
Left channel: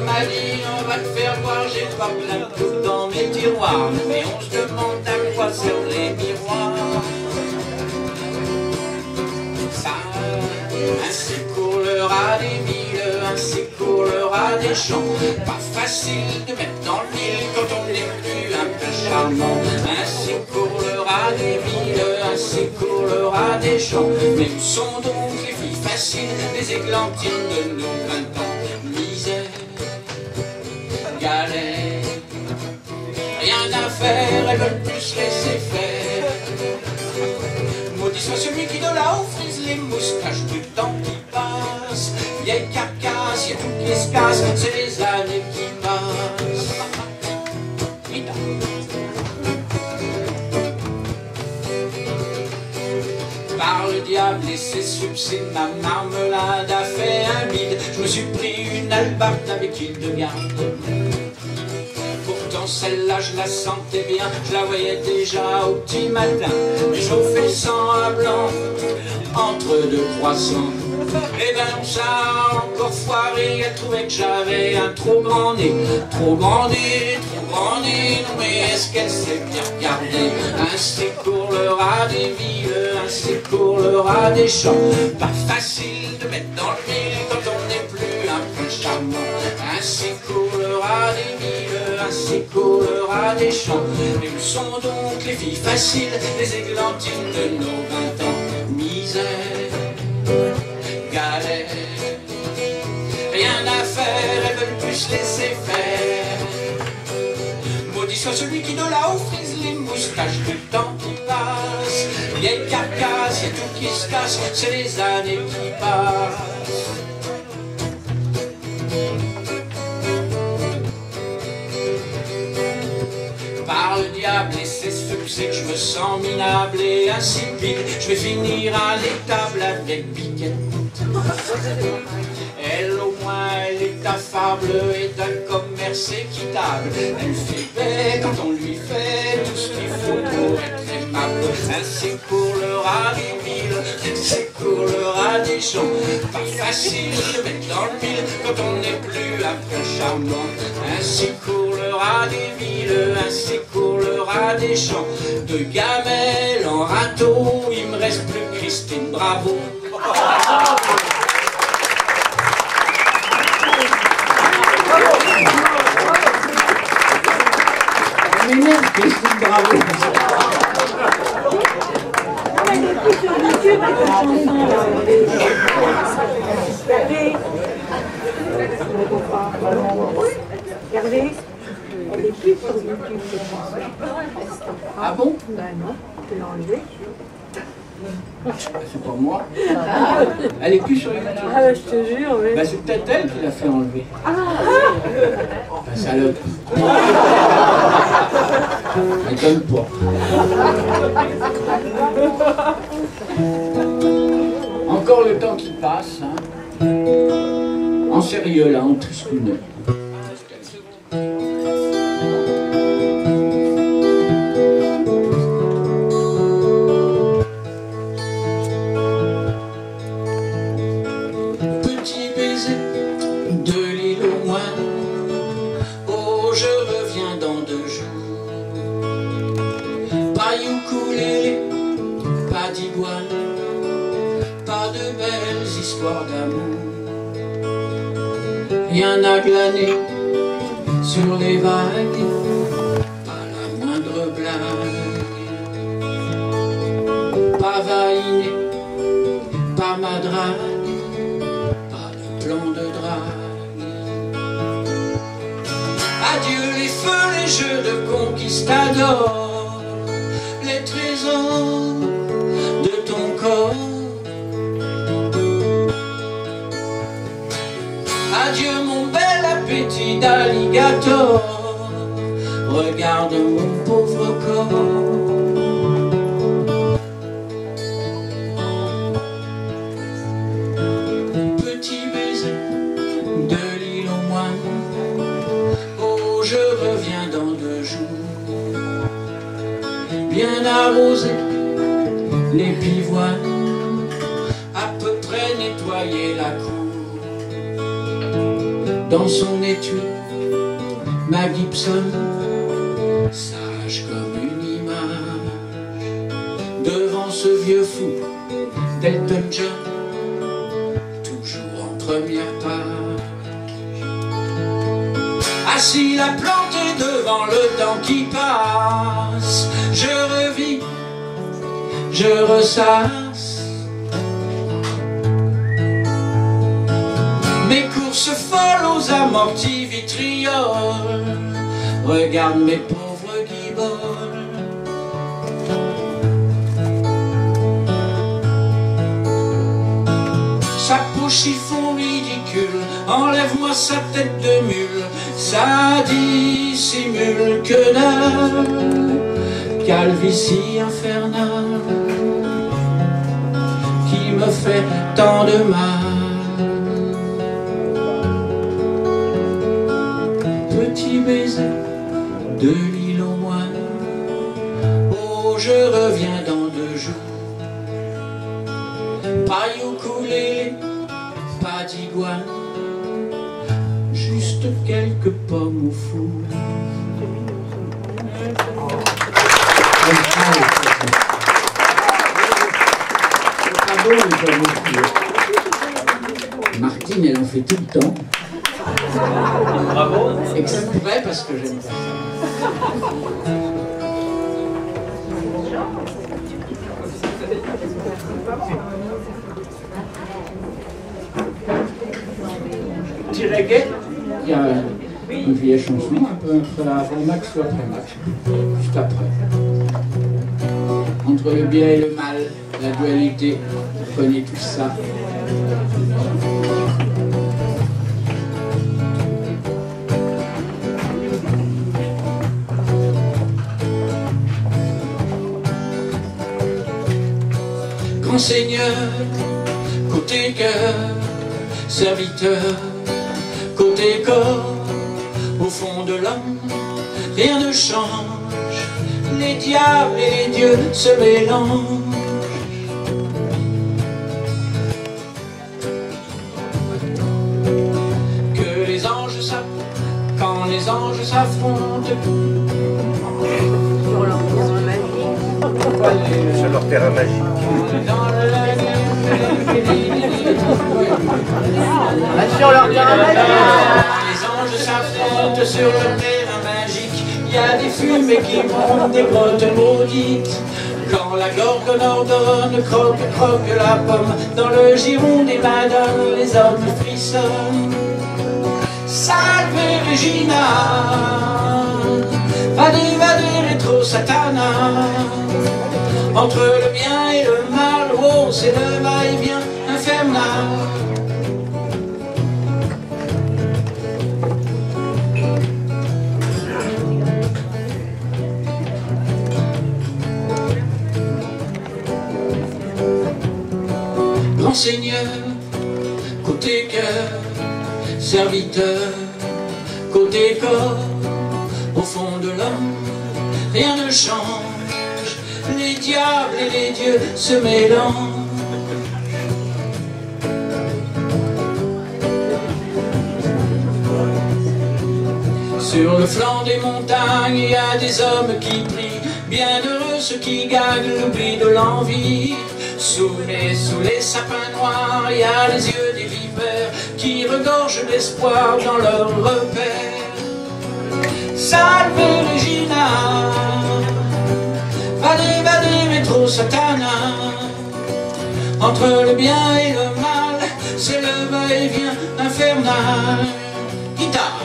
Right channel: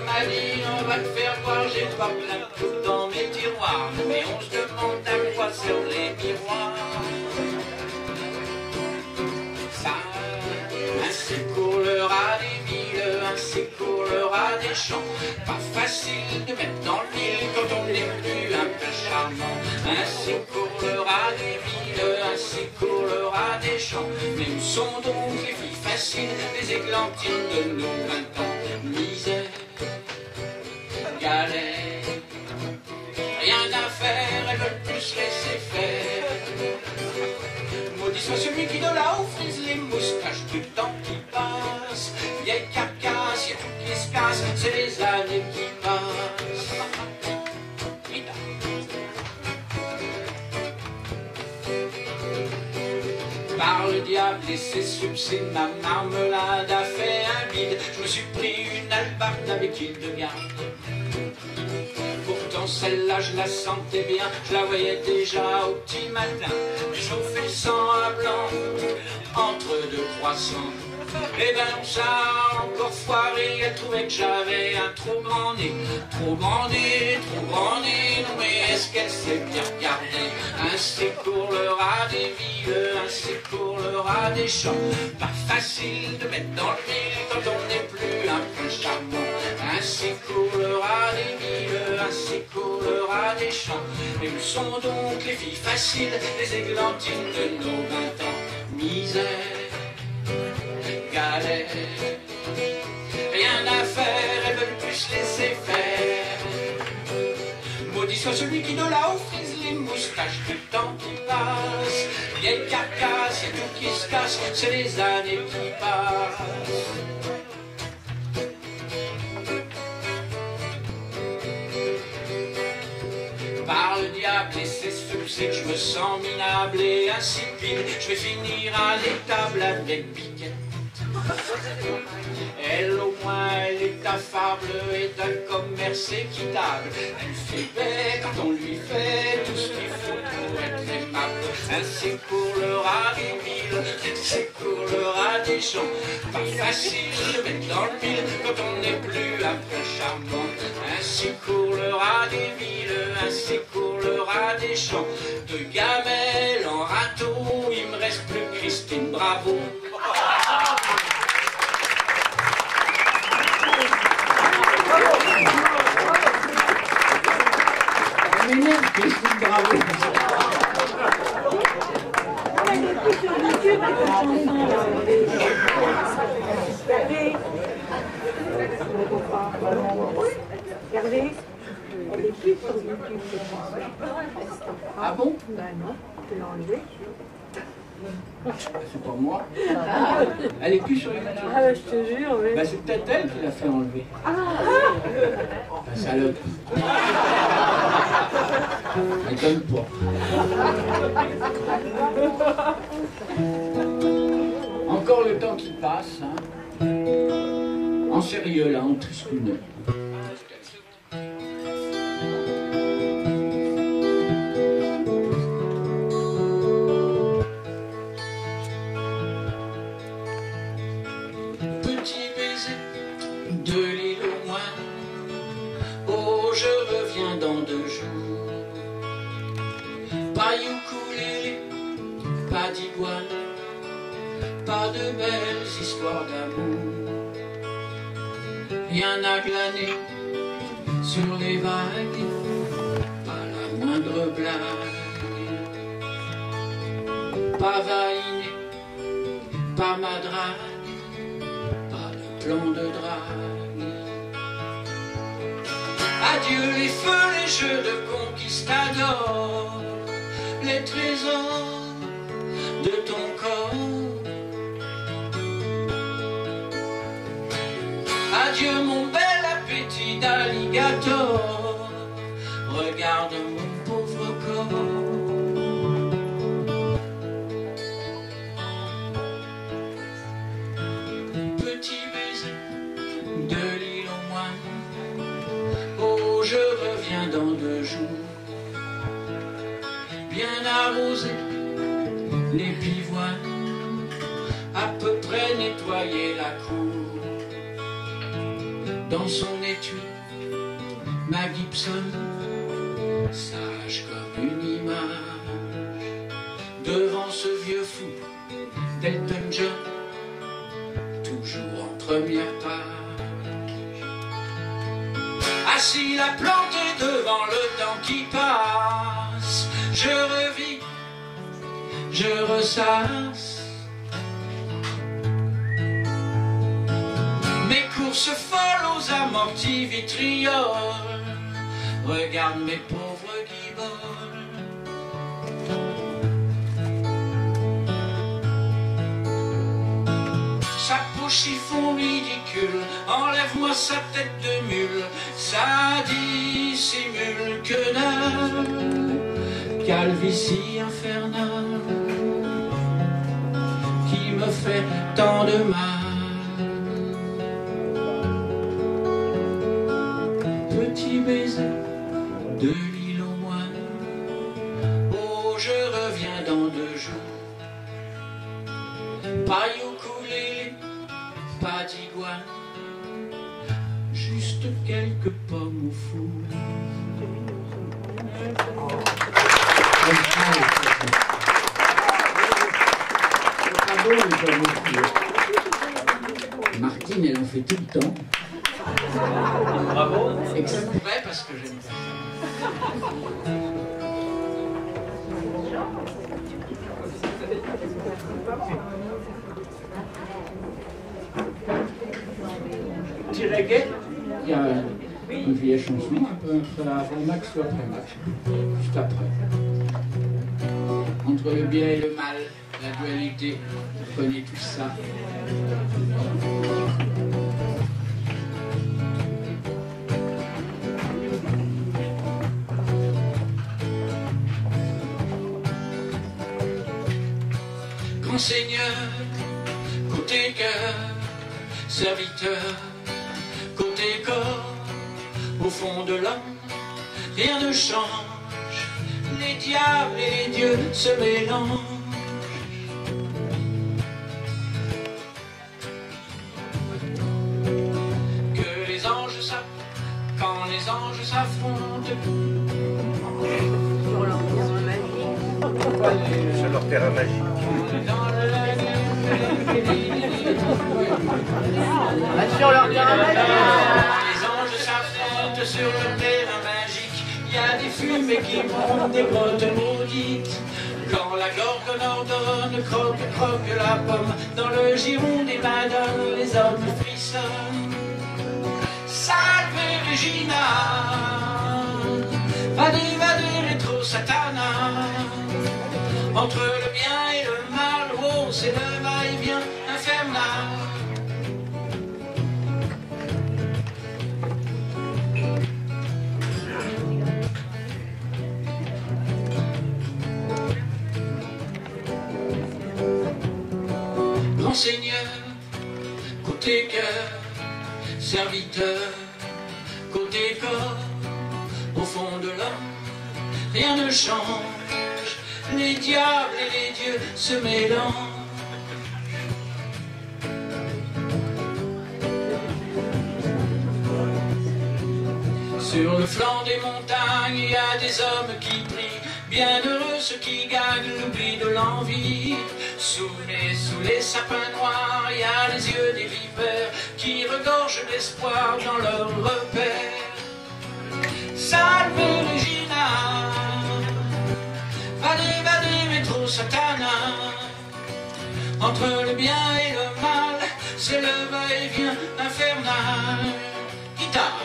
m'a dit, on va te faire voir, j'ai pas plein de plouc dans mes tiroirs. Mais on se demande à quoi servent les miroirs. Ainsi court le rat des villes, ainsi court le rat des champs. Pas facile de mettre dans le mille quand on n'est plus un peu charmant. Ainsi court le rat des villes, ainsi court le rat des champs. Mais où sont donc les filles faciles, les églantines de nos 20 ans? Misère, galère, rien à faire, elles veulent plus laisser faire. Maudit soit celui qui de là-haut frise les moustaches du temps qui passe. Vieille carcasse, y'a tout qui se casse, c'est les années qui passent. Par le diable et ses subsides, ma marmelade a fait un bide. Je me suis pris une albarde avec île de garde. Pourtant celle-là je la sentais bien, je la voyais déjà au petit matin. Chauffer le sang à blanc entre deux croissants. Et ben ça a encore foiré, elle trouvait que j'avais un trop grand nez. Trop grand nez, trop grand nez, non mais est-ce qu'elle s'est bien regardée? Ainsi court le rat des villes, ainsi court le rat des champs. Pas facile de mettre dans le mille quand on n'est plus un peu charmant. Ainsi court le rat des villes, ainsi court le rat des champs. Mais où sont donc les filles faciles, les églantines de nos 20 ans? Misère, galère, rien à faire, elles veulent plus laisser faire. Maudit soit celui qui de là-haut frise les moustaches du temps qui passe. Vieille carcasse, y'a tout qui se casse, c'est les années qui passent. Par le diable et ses subsides, je me sens minable et insipide. Je vais finir à l'étable avec Piquette. Elle au moins, elle est affable et d'un commerce équitable. Elle fait paix quand on lui fait tout ce qu'il faut pour être aimable. Ainsi court le rat des villes, ainsi court le rat des champs. Pas facile de mettre dans le mille quand on n'est plus un peu charmant. Ainsi court le rat des villes, ainsi court le rat des champs. De gamelles en râteau, il me reste plus Christine Bravo. Christine, bravo. Hervé, elle est plus sur YouTube, je pense. Ah bon? Ben non, tu l'as enlevée. C'est pas moi. Elle est plus sur YouTube. Ah ben, je te jure, oui. Ben, c'est peut-être elle qui l'a fait enlever. Ah. Ben, salope. Elle donne pas. Encore le temps qui passe, hein. En sérieux là, en tristouneux. Petit baiser de l'île aux moines, oh je reviens dans 2 jours. Pas ukulélé, pas d'iguane, pas de belles histoires d'amour. Rien à glaner sur les vagues, pas la moindre blague. Pas vaïné, pas madrague, pas de plan de drague. Adieu les feux, les jeux de conquistadors, les trésors de ton corps. Adieu mon bel appétit d'alligator, regarde mon pauvre corps. Petit baiser de l'île aux moines, oh je reviens dans 2 jours. Bien arrosé, les pivoines, à peu près nettoyer la cour. Dans son étui, ma Gibson, sage comme une image, devant ce vieux fou d'Elton John, toujours en première page. Assis la plantée devant le temps qui passe, je revis, je ressasse mes courses folles aux amortis vitrioles. Regarde mes pauvres guiboles. Sa peau chiffon ridicule, enlève-moi sa tête de mule. Ça dissimule que dalle, calvitie infernale, qui me fait tant de mal. Petit baiser de l'île aux moines, oh je reviens dans 2 jours. Pas ukulélé, pas d'iguane, juste quelques pommes au four. C'est pas bon les pommes au four. Martine, elle en fait tout le temps. Bravo. Exprès parce que j'aime pas ça. Petit reggae, il y a une vieille chanson, un peu avant Max ou après Max, juste après. Entre le bien et le mal, la dualité, on connaît tout ça. Grand Seigneur, côté cœur, serviteur, côté corps, au fond de l'homme, rien ne change, les diables et les dieux se mélangent. Que les anges quand les anges s'affrontent, Sur leur terrain magique. sur leur terrain magique. Les anges s'affrontent sur le terrain magique. il y a des fumées qui montent des grottes maudites. Quand la gorgone ordonne, croque, croque la pomme, dans le giron des madones, les hommes frissonnent. Salve Regina, vade, vade, rétro satana. Entre le bien et le mal, oh, c'est le va-et-vient infernal. Grand Seigneur, côté cœur, serviteur, côté corps, au fond de l'homme, rien ne change. Les diables et les dieux se mélangent. Sur le flanc des montagnes, il y a des hommes qui prient. Bienheureux ceux qui gagnent l'oubli de l'envie. Sous les sapins noirs, il y a les yeux des vipères qui regorgent d'espoir dans leur repère. Salve Regina, vade, vade, rétro satana. Entre le bien et le mal, c'est le va-et-vient infernal. Guitare.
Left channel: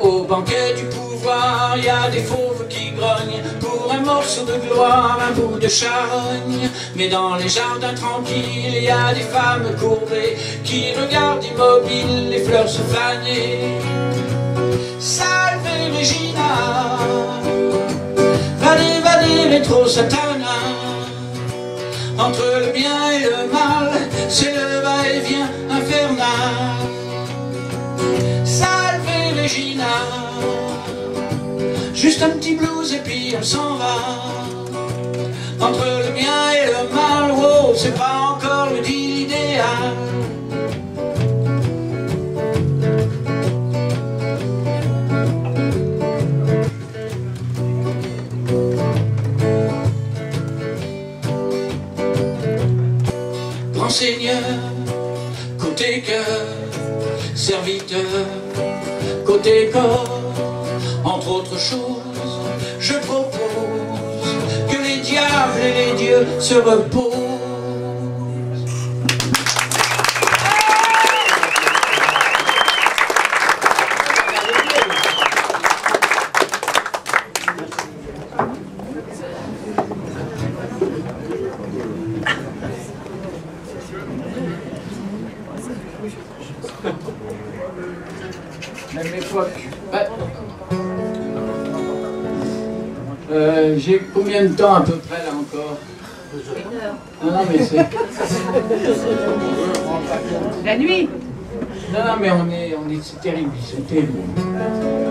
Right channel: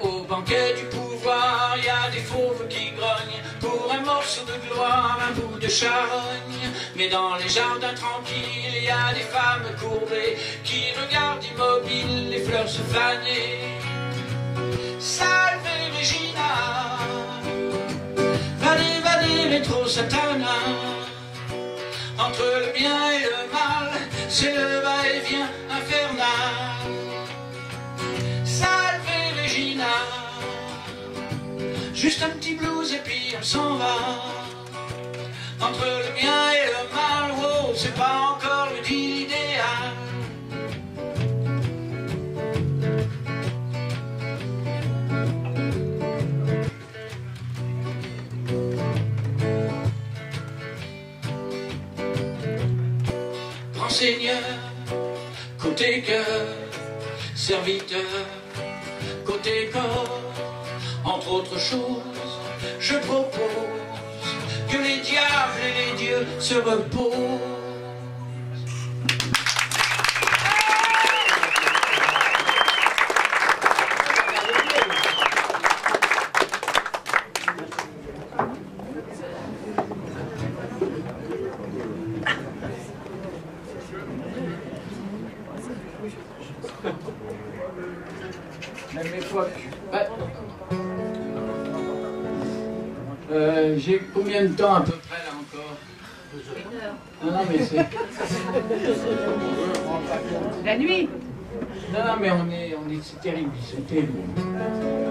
Au banquet du pouvoir, il y a des fauves qui grognent pour un morceau de gloire, un bout de charogne. Mais dans les jardins tranquilles, il y a des femmes courbées qui regardent immobiles les fleurs se faner. Salve Regina, vade, vade, rétro satana. Entre le bien et le mal, c'est le va-et-vient infernal. Salve Regina, juste un petit blues et puis on s'en va. Entre le bien et le mal, oh, c'est pas encore le deal idéal. Grand Seigneur, côté cœur, serviteur, côté corps, entre autres choses, je propose que les diables et les dieux se reposent. Même époque. J'ai combien de temps à peu près là encore? Non, non, mais c'est... La nuit. Non, non, mais c'est terrible, c'est terrible.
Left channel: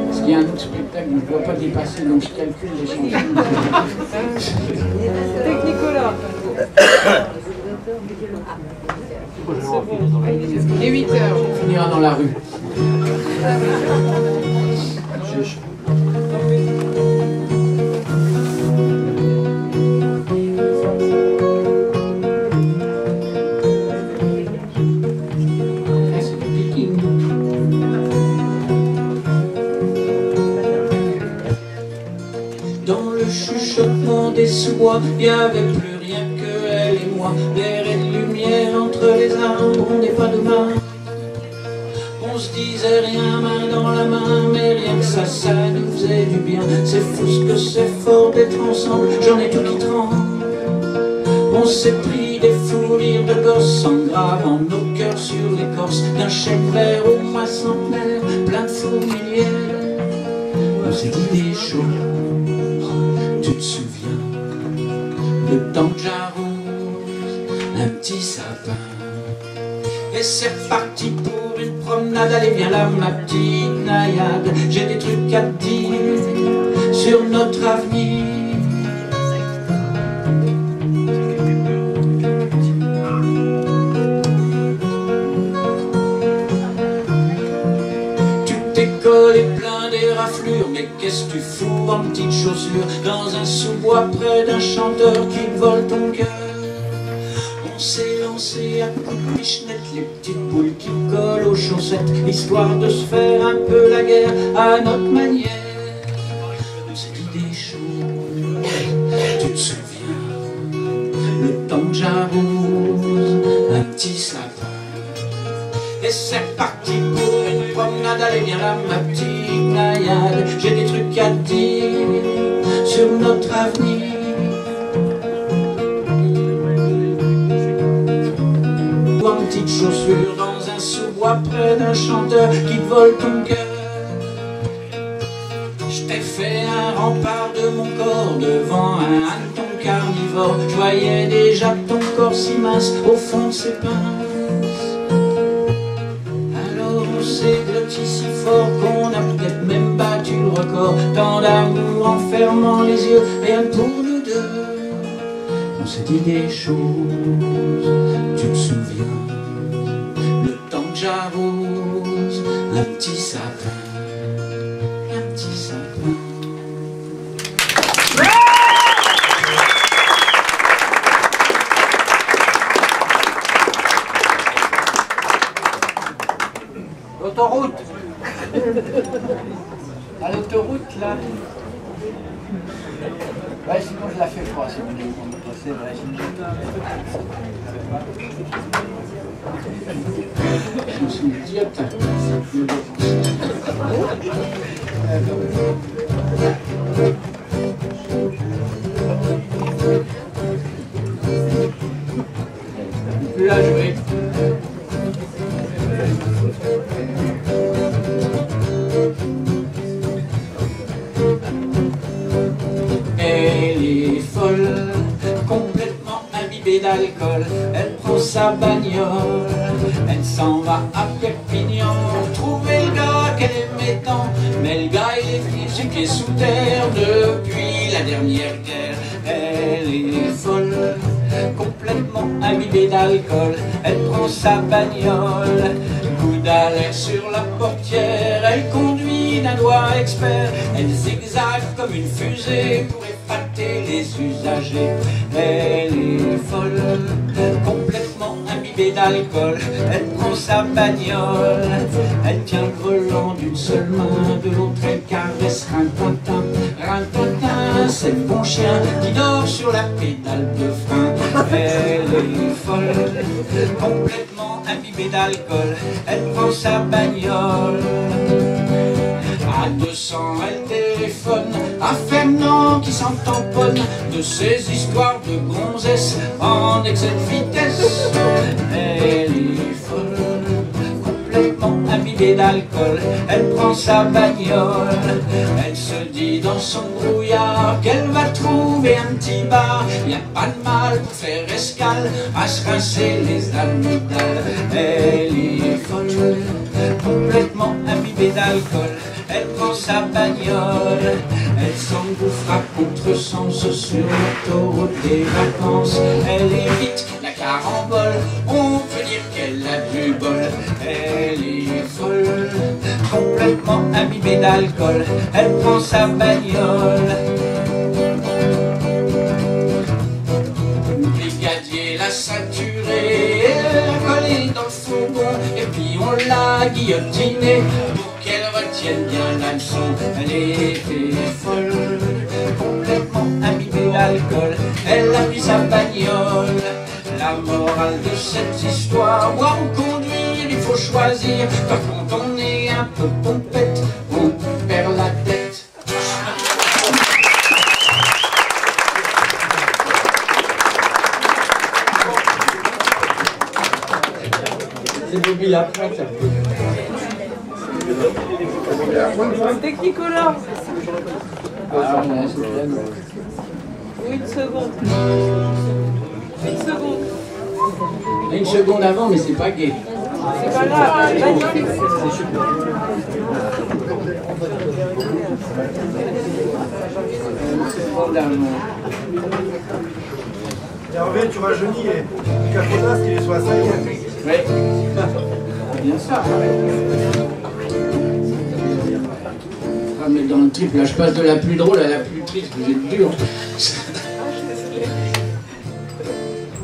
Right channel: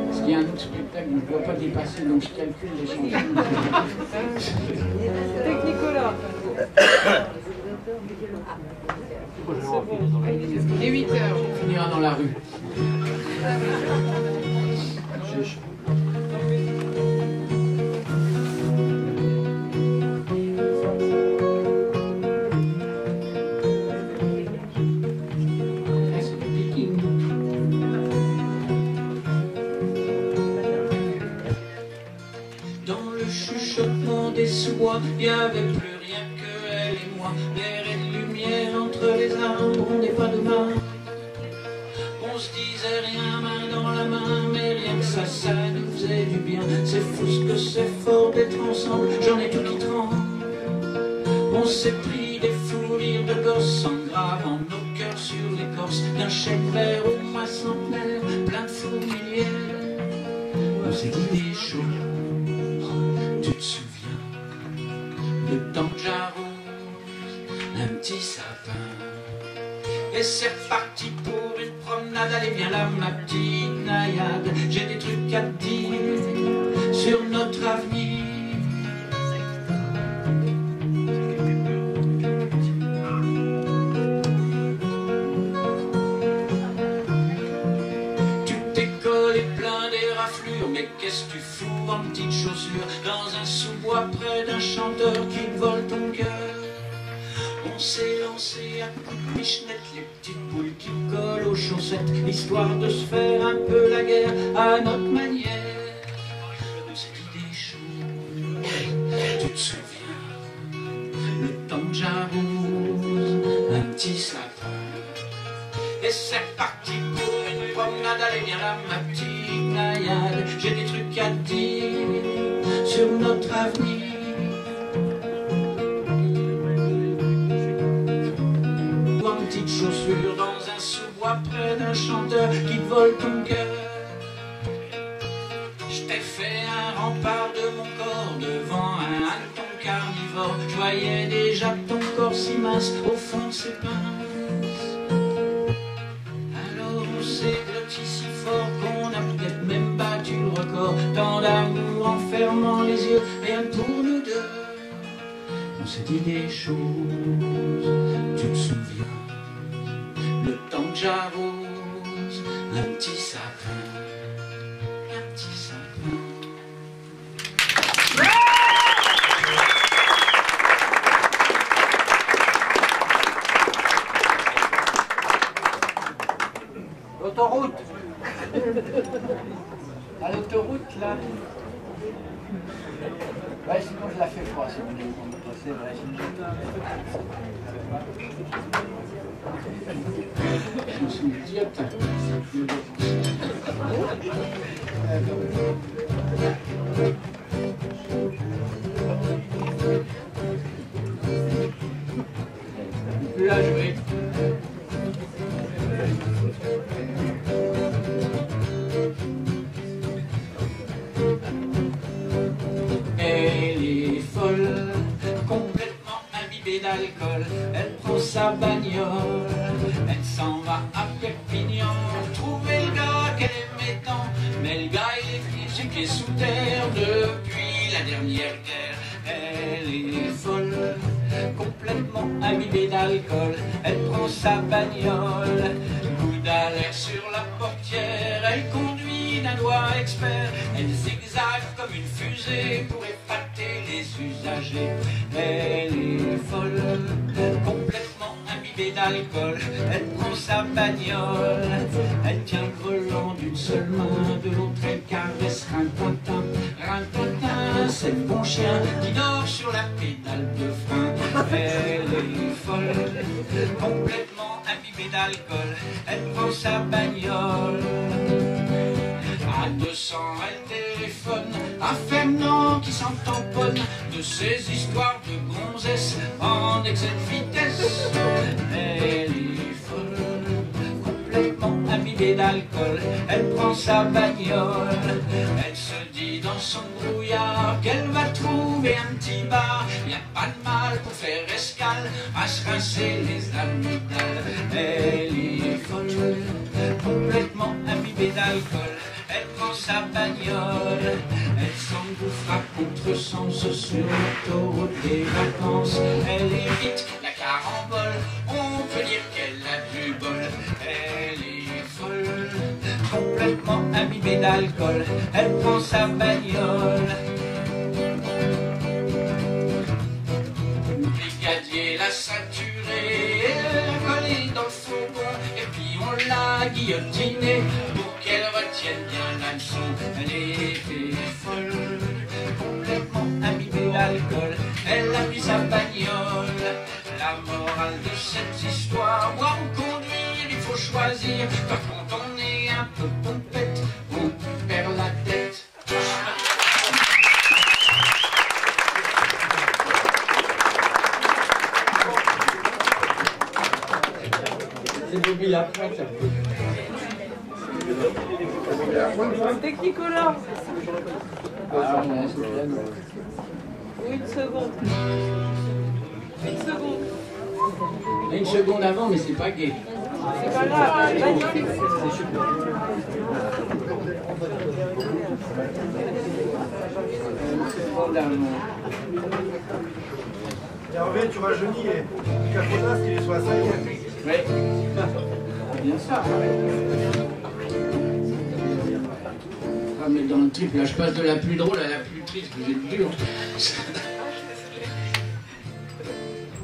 Parce qu'il y a un autre spectacle, je ne dois pas dépasser, donc je calcule les chansons. Technicolor. Il est 8 heures. On finira dans la rue. Dans le chuchotement des sous-bois, il n'y avait plus rien que elle et moi. L'air et de lumière entre les arbres, on n'est pas demain. On se disait rien main dans la main, mais rien que ça nous faisait du bien. C'est fou ce que c'est fort d'être ensemble, j'en ai tout qui tremble. On s'est pris des fous rires de gosses en gravant nos cœurs sur l'écorce d'un chèque vert au mois centenaire, plein de fourmilières. On s'est dit des choses. Tu te souviens, le temps que j'arrose un petit sapin. Et c'est parti pour une promenade, allez viens là ma petite naïade. J'ai des trucs à te dire sur notre avenir. Tu tes cols est plein des raflures. Mais qu'est-ce que tu fous en petites chaussures dans un sous-bois près d'un chanteur qui vole ton cœur? On s'est lancé à coups de pichenette les petites boules qui collent aux chaussettes, histoire de se faire un peu la guerre à notre manière. On s'est dit des choses, tu te souviens, le temps que j'arrose un petit sapin. Et c'est parti pour une promenade, allez viens là ma petite naïade. J'ai des trucs à te dire sur notre avenir. En petites chaussures dans un sous-bois près d'un chanteur qui vole ton cœur. Je t'ai fait un rempart de mon corps devant un hanneton carnivore. Je voyais déjà ton corps si mince au fond de ses pinces. Alors on s'est blotti si fort qu'on a peut-être même battu le record. Tant d'amour en fermant les yeux, rien pour nous deux. On s'est dit des choses, tu te souviens, le temps que j'arrose un petit sapin, un petit sapin. L'autoroute. À l'autoroute, là. Ouais, sinon je la fais pas, c'est vrai. Je suis une idiote. On peut la jouer. Elle est folle, complètement imbibée d'alcool. Elle prend sa bagnole, elle s'en va à Perpignan. Trouver le gars qu'elle aimait tant, mais le gars il est physique sous terre depuis la dernière guerre. Elle est folle, complètement imbibée d'alcool. Elle prend sa bagnole, coude à l'air sur la portière. Elle conduit d'un doigt expert, elle zigzague comme une fusée pour épater les usagers. Elle est folle, complètement imbibée d'alcool. Elle prend sa bagnole, elle tient le volant d'une seule main, de l'autre elle caresse rintintin, rintintin. C'est le bon chien qui dort sur la pédale de frein. Elle est folle, complètement imbibée d'alcool. Elle prend sa bagnole, à 200 elle téléphone à Fernand qui s'en tamponne de ces histoires de gonzesses en excès de vitesse. Elle est folle, complètement imbibée d'alcool. Elle prend sa bagnole, elle se dit dans son brouillard qu'elle va trouver un petit bar. Y a pas de mal pour faire escale à se rincer les amygdales. Elle est folle, complètement imbibée d'alcool. Elle prend sa bagnole, elle s'engouffre à contresens sur l'autoroute des vacances. Elle évite la carambole, on peut dire qu'elle a du bol. Elle est folle, complètement imbibée d'alcool. Elle prend sa bagnole, le brigadier l'a ceinturée, l'a collée dans le fourgon, et puis on l'a guillotinée pour qu'elle retienne bien la leçon. Elle était folle, complètement imbibée d'alcool. Elle a pris sa bagnole. La morale de cette histoire, boire ou conduire, il faut choisir. Car quand on est un peu pompette, on perd la tête. C'est Bobby la prête. Technicolor. Ah, ouais, c'est bien. Une seconde. Une seconde. Une seconde avant, mais c'est pas gay. C'est pas grave. Magnifique. Hervé, tu rajeunis et Caponas, il est sur la 5e. Oui. Bien ça. dans le trip. Là, je passe de la plus drôle à la plus triste. Vous êtes dur.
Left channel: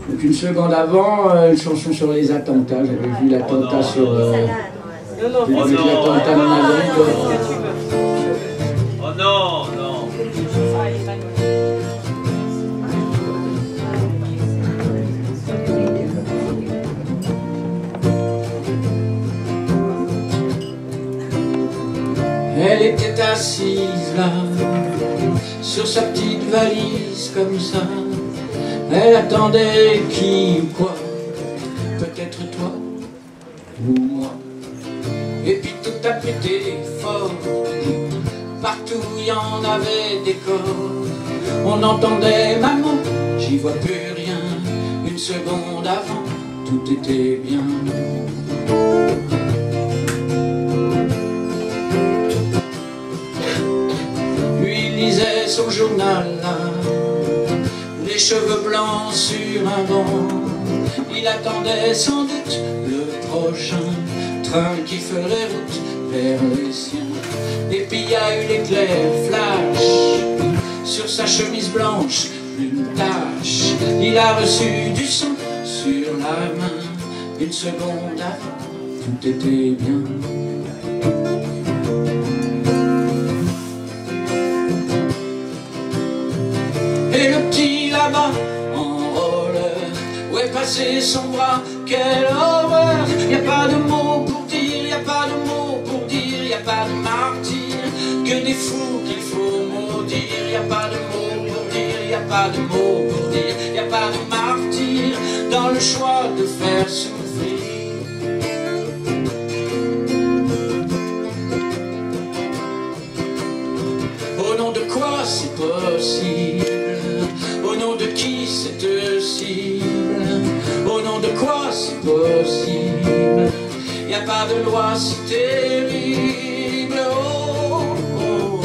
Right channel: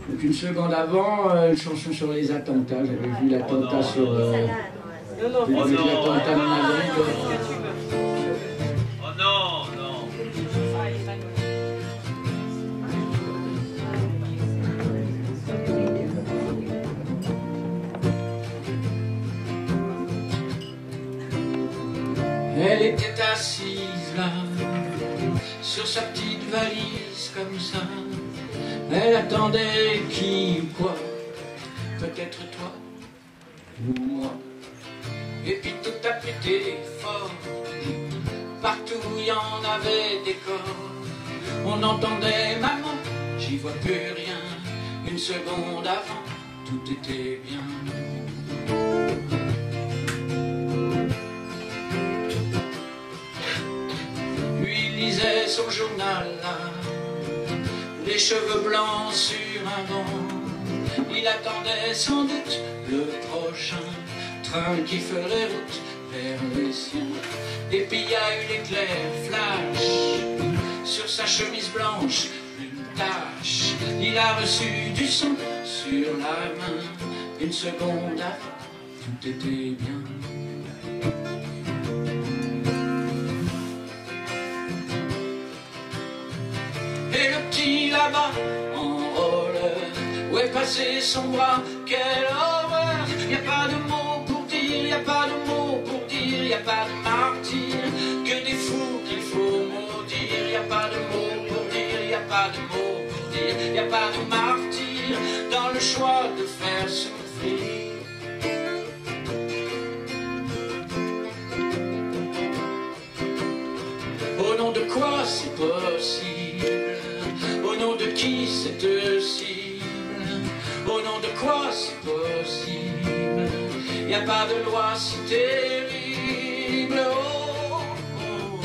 Donc une seconde avant, une chanson sur les attentats. J'avais vu l'attentat sur... l'attentat de Madrid. Oh non, non. Elle était assise là, sur sa petite valise comme ça. Elle attendait qui ou quoi, peut-être toi ou moi. Et puis tout a pété fort, partout il y en avait des corps. On entendait maman, j'y vois plus rien. Une seconde avant, tout était bien. Son journal là, les cheveux blancs sur un banc. Il attendait sans doute le prochain train qui ferait route vers les siens. Et puis il y a eu l'éclair flash sur sa chemise blanche, une tache. Il a reçu du sang sur la main. Une seconde avant, tout était bien. Et le petit là-bas, en roller, où est passé son bras, quelle horreur. Y a pas de mots pour dire, y a pas de mots pour dire, y a pas de martyrs, que des fous qu'il faut maudire. Y a pas de mots pour dire, y a pas de mots pour dire, y a pas de martyrs dans le choix de faire souffrir. Au nom de quoi c'est possible? Au nom de qui cette cible? Au nom de quoi c'est possible? Y a pas de loi si terrible. Oh, oh, oh.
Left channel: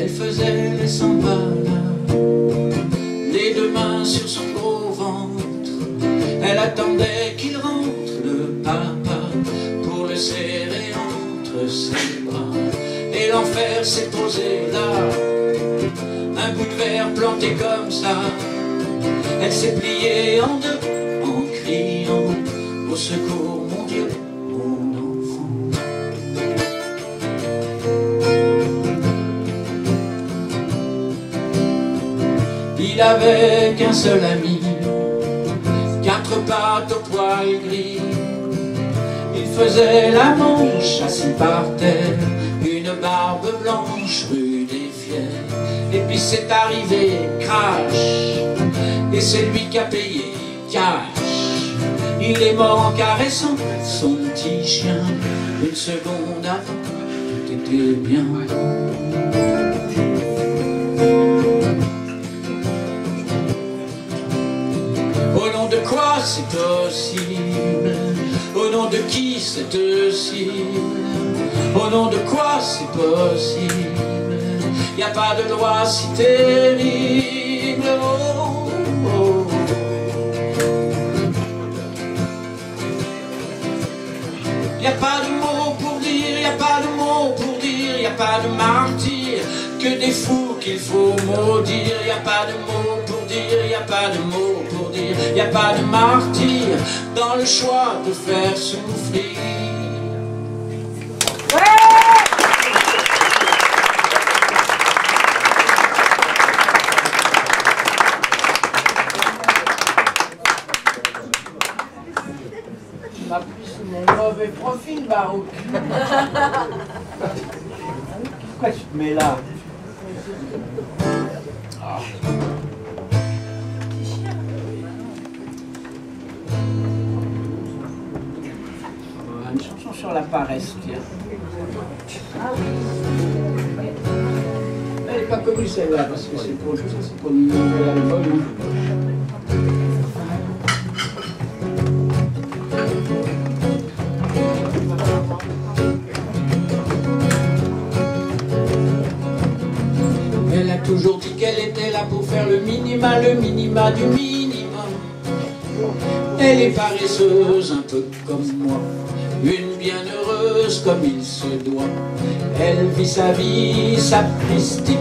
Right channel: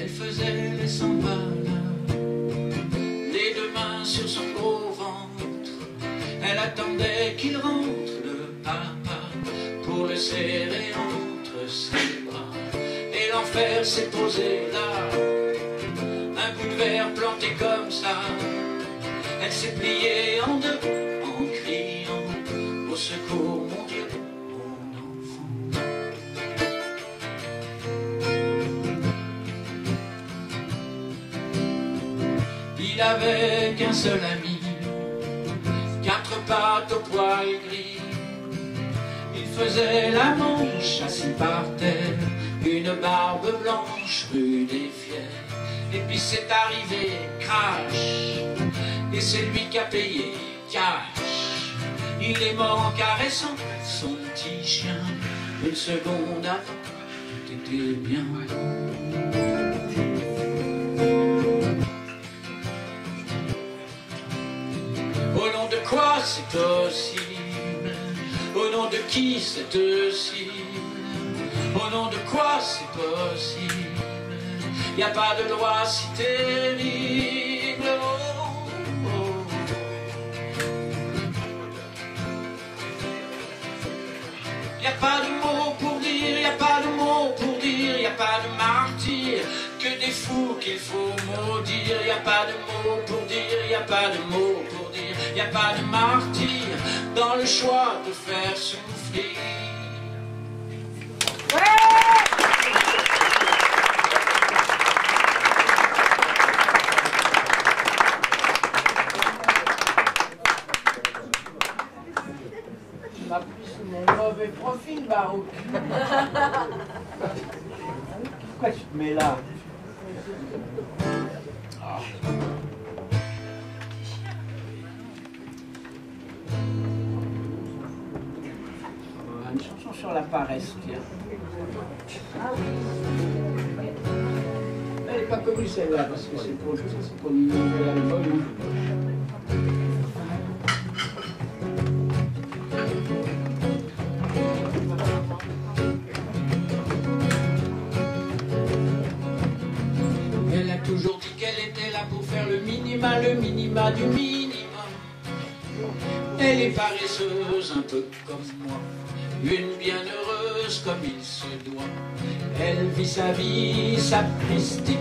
Elle faisait les 100 pas là, les deux mains sur son gros ventre. Elle attendait qu'il rentre, le papa, pour le serrer entre ses bras. Et l'enfer s'est posé là, un bout de verre planté comme ça. Elle s'est pliée en deux, en criant au secours, mon Dieu, mon enfant. Il avait qu'un seul ami, 4 pattes au poil gris. Il faisait la manche assis par terre, une barbe blanche rude et fière. Et puis c'est arrivé, crash, et c'est lui qui a payé cash. Il est mort en caressant son petit chien. Une seconde avant, tout était bien. Au nom de quoi c'est possible? Au nom de qui c'est cible? Au nom de quoi c'est possible? Y a pas de loi si terrible. Oh, oh. Y a pas de mots pour dire, y a pas de mots pour dire, y a pas de martyrs, que des fous qu'il faut maudire. Y a pas de mots pour dire, y a pas de mots pour dire, y a pas de martyrs dans le choix de faire souffrir. Mauvais profil, Barouk. Pourquoi tu te mets là? Une chanson sur la paresse, tiens. Elle n'est pas connue celle-là, parce que c'est pour le nouvel album. Elle a toujours dit qu'elle était là pour faire le minima du minimum. Elle est paresseuse, un peu comme moi, une bienheureuse comme il se doit. Elle vit sa vie sapristique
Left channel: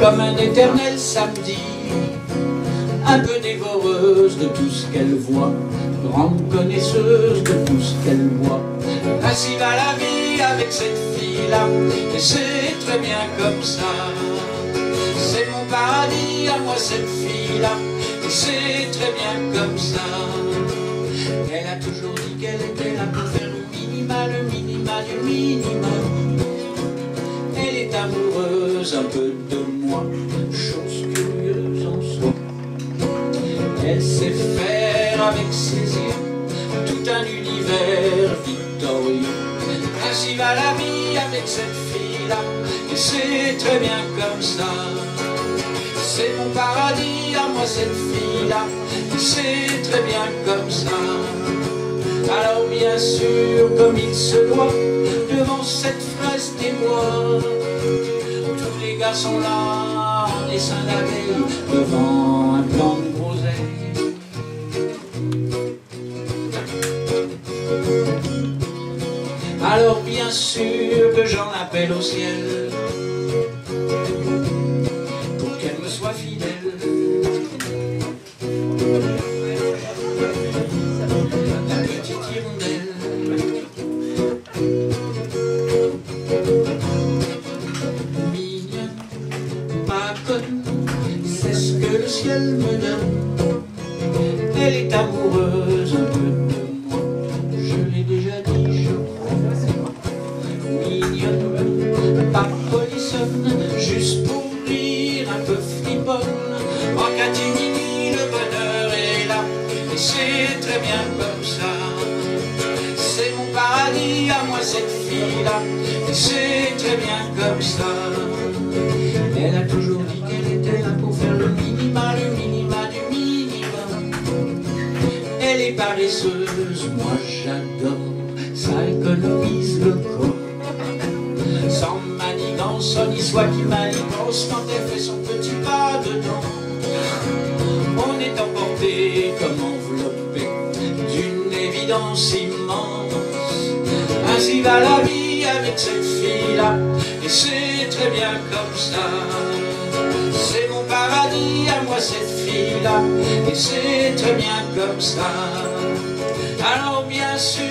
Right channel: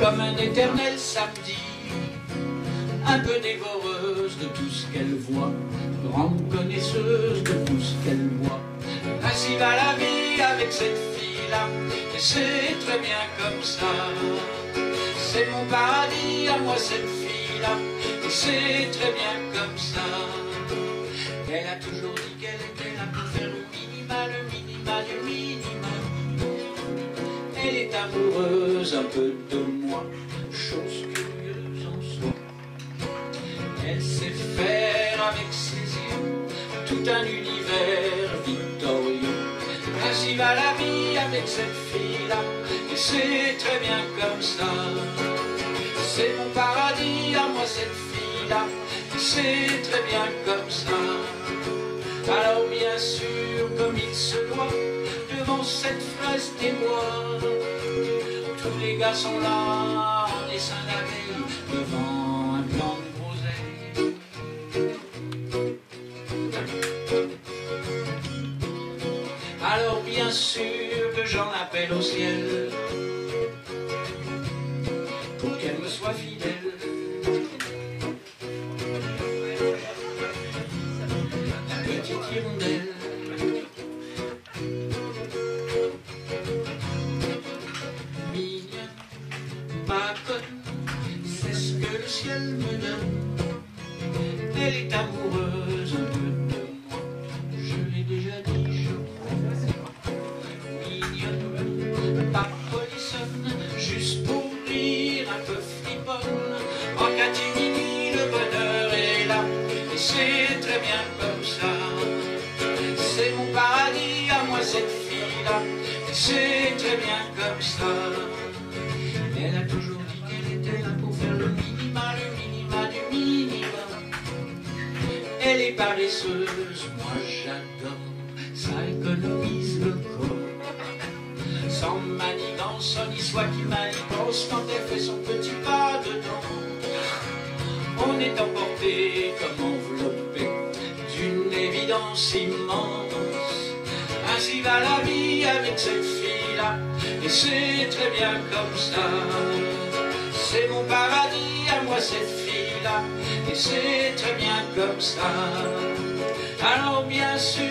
comme un éternel samedi, un peu dévoreuse de tout ce qu'elle voit, grande connaisseuse de tout ce qu'elle voit. Ainsi va la vie avec cette fille-là, et c'est très bien comme ça. C'est mon paradis à moi cette fille-là, et c'est très bien comme ça. Elle a toujours dit qu'elle était là pour faire le minima du minimum. Elle est amoureuse un peu de moi, chose curieuse en soi. Elle sait faire avec ses yeux tout un univers victorieux. Ainsi va la vie avec cette fille-là, et c'est très bien comme ça. C'est mon paradis à moi cette fille-là, et c'est très bien comme ça. Alors bien sûr, comme il se doit, devant cette fraise des bois, tous les gars sont là en essaim d'abeilles, devant un plant de groseille. Alors bien sûr que j'en appelle au ciel pour qu'elle me soit fidèle. La petite hirondelle, mignonne, pas conne, c'est ce que le ciel me donne. Elle est amoureuse un peu de moi, je l'ai déjà dit, je crois. Mignonne, pas polissonne, juste pour rire, un peu friponne. En catimini, le bonheur est là, et c'est très bien comme ça. C'est mon paradis à moi cette fille-là, et c'est très bien comme ça. Elle a toujours dit qu'elle était là pour faire le minima du minimum. Elle est paresseuse, moi j'adore, ça économise le corps. Sans manigance, ni soit qui manigance, quand elle fait son petit pas dedans, on est emporté comme enveloppé d'une évidence immense. Ainsi va la vie avec cette fille-là, et c'est très bien comme ça. C'est mon paradis à moi cette fille-là, et c'est très bien comme ça. Alors bien sûr,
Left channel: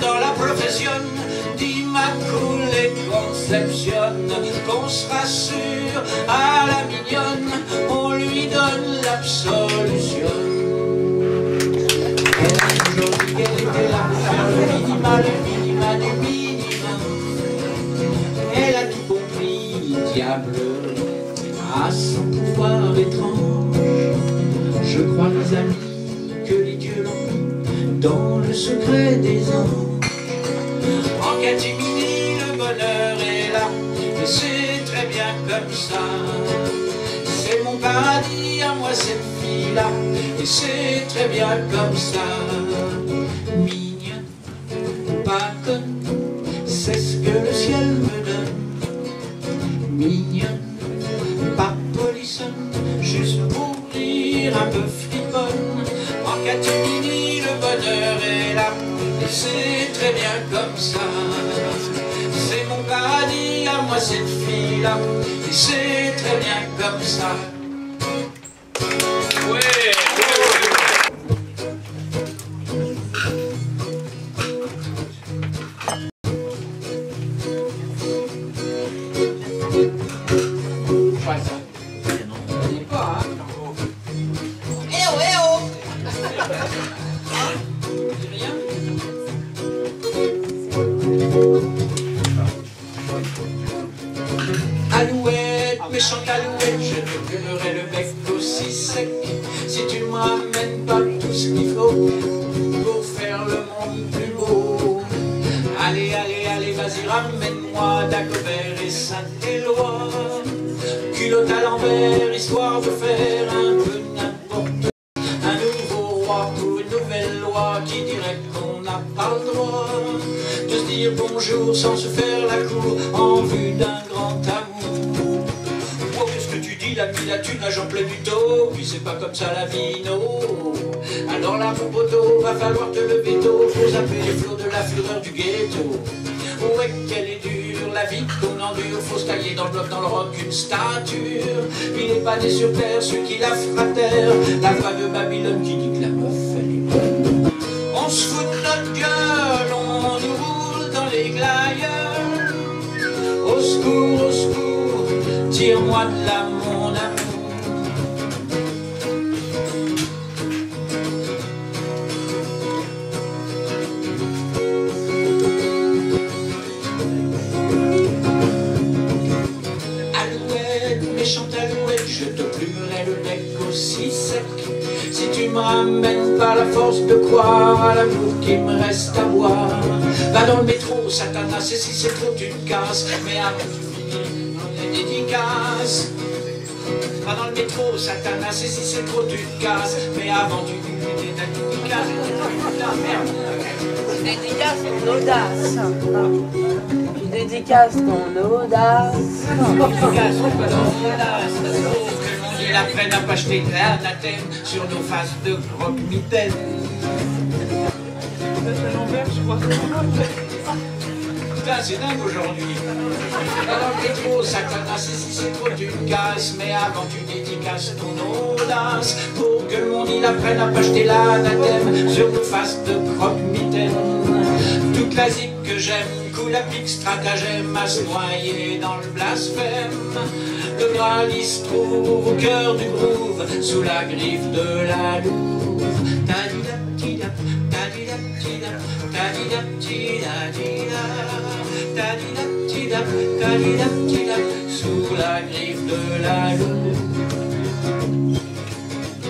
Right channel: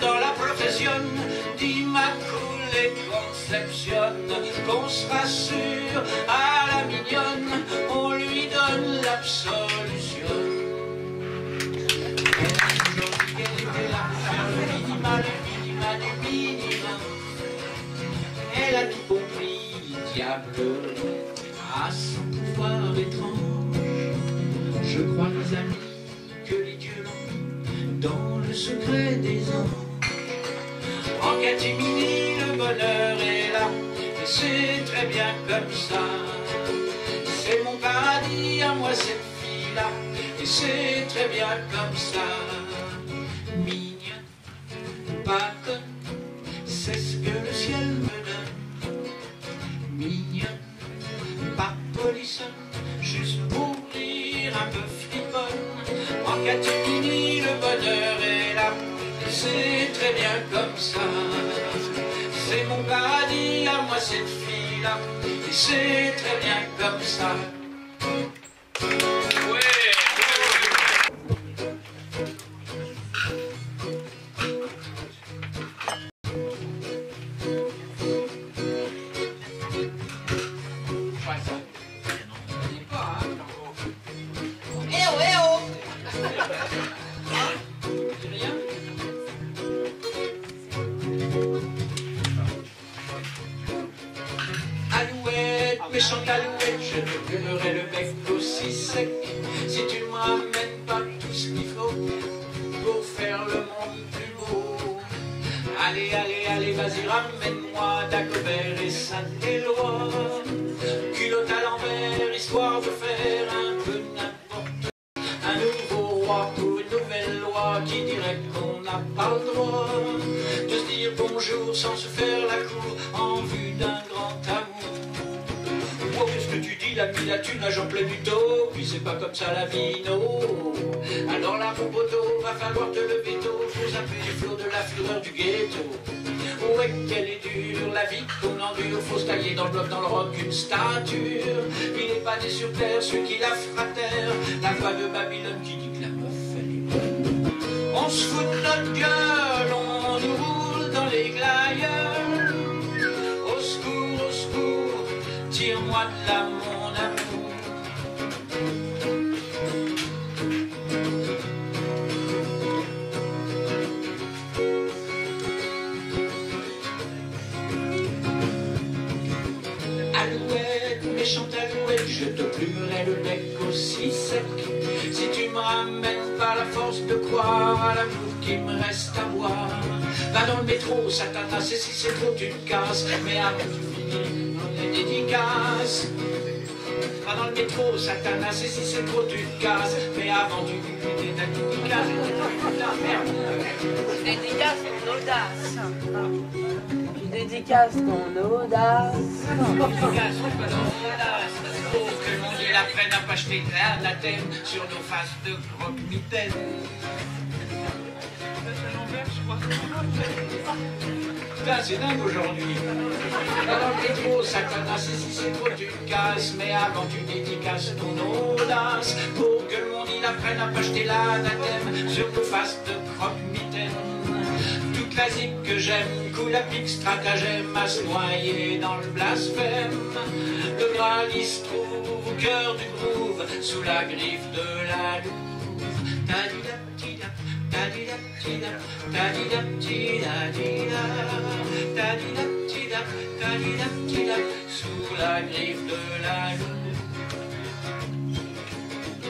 dans la profession d'Immaculée Conception, qu'on se rassure à la mignonne, on lui donne l'absolution. Elle a toujours dit qu'elle était là pour faire le minima du minimum. Elle a tout compris, diable, à son pouvoir étrange. Je crois, mes amis, que les dieux l'ont mis dans le secret des anges. En catimini, le bonheur est là, et c'est très bien comme ça. C'est mon paradis à moi cette fille-là, et c'est très bien comme ça. Mignonne, pas conne, c'est ce que le ciel me donne. Mignonne, pas polissonne, juste pour rire, un peu friponne. En catimini, le bonheur est là, et c'est très bien comme ça. C'est mon paradis à moi cette fille-là, et c'est très bien comme ça. Ouais. Alouette, méchante alouette, je te gueulerai le bec aussi sec si tu me ramènes pas tout ce qu'il faut pour faire le monde plus beau. Allez, allez, allez, vas-y, ramène-moi Dagobert et Saint-Éloi, culotte à l'envers, histoire de faire un peu n'importe. Un nouveau roi pour une nouvelle loi qui dirait qu'on n'a pas le droit de se dire bonjour sans se faire la cour en vue d'un grand amour. Oh, qu'est-ce que tu dis, l'ami, la thune nage en plein du taux, puis c'est pas comme ça la vie, non. Alors là, mon poteau, va falloir te lever tôt, faut taper les flots de la fureur du ghetto. Ouais, qu'elle est dure, la vie qu'on endure, faut se tailler dans le bloc, dans le roc, une stature. Il n'est pas né sur terre, ceux qui la fratèrent, la voix de Babylone qui dit que la meuf, elle est bonne. On se fout de notre gueule, on nous roule dans les glaïeuls. Au secours, tire-moi de là, mon amour. Méchante alouette, je te plumerai le bec aussi sec. Si tu me ramènes par la force de croire à l'amour qui me reste à boire. Va dans le métro, Satanas, et si c'est trop tu te casses. Mais avant tu finis les dédicaces. Va dans le métro, Satanas, et si c'est trop tu te casses. Mais avant tu finis les dédicaces. Dédicace ton audace. Dédicace ton audace. Dédicace ton audace. Pour que le monde il apprenne à pas jeter l'anathème sur nos faces de croque-mitaine. Putain, c'est dingue aujourd'hui. Va dans le métro, Satanas, et si c'est trop tu te casses. Mais avant tu dédicaces ton audace. Pour que le monde il apprenne à pas jeter l'anathème sur nos faces de croque-mitaine. Toute la zik que j'aime, coule à pic, stratagème à se noyer dans le blasphème. Le Graal il se trouve au cœur du groove, sous la griffe de la louve. Tadidap-tidap, tadidap-tidap, tadidap-tidadida, tadidap-tidap, tadidap-tidap, sous la griffe de la louve.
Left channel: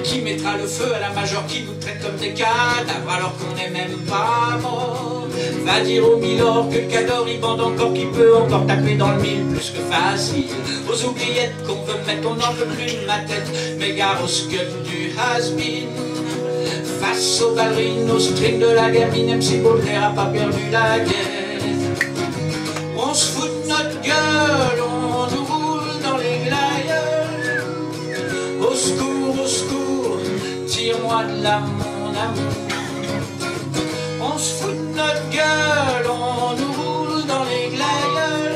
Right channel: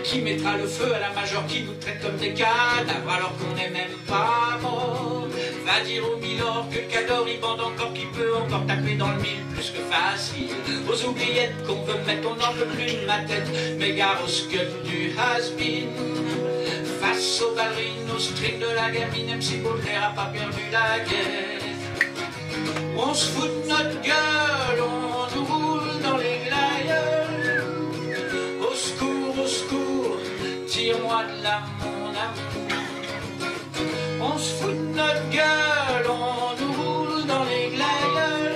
Qui mettra le feu à la major qui nous traite comme des cadavres alors qu'on n'est même pas mort. Va dire au milord que le cador il bande encore, qui peut encore taper dans le mille plus que facile. Aux oubliettes qu'on veut mettre, on n'en peut plus de ma tête. Mais gare au scud du has-been. Face aux ballerines, aux strings de la gamine, MC Baudelaire a pas perdu la guerre. On se fout de notre gueule, on nous roule dans les glaïeuls. Au secours, tire-moi de là, mon amour. On se fout de notre gueule, on nous roule dans les glaïeuls.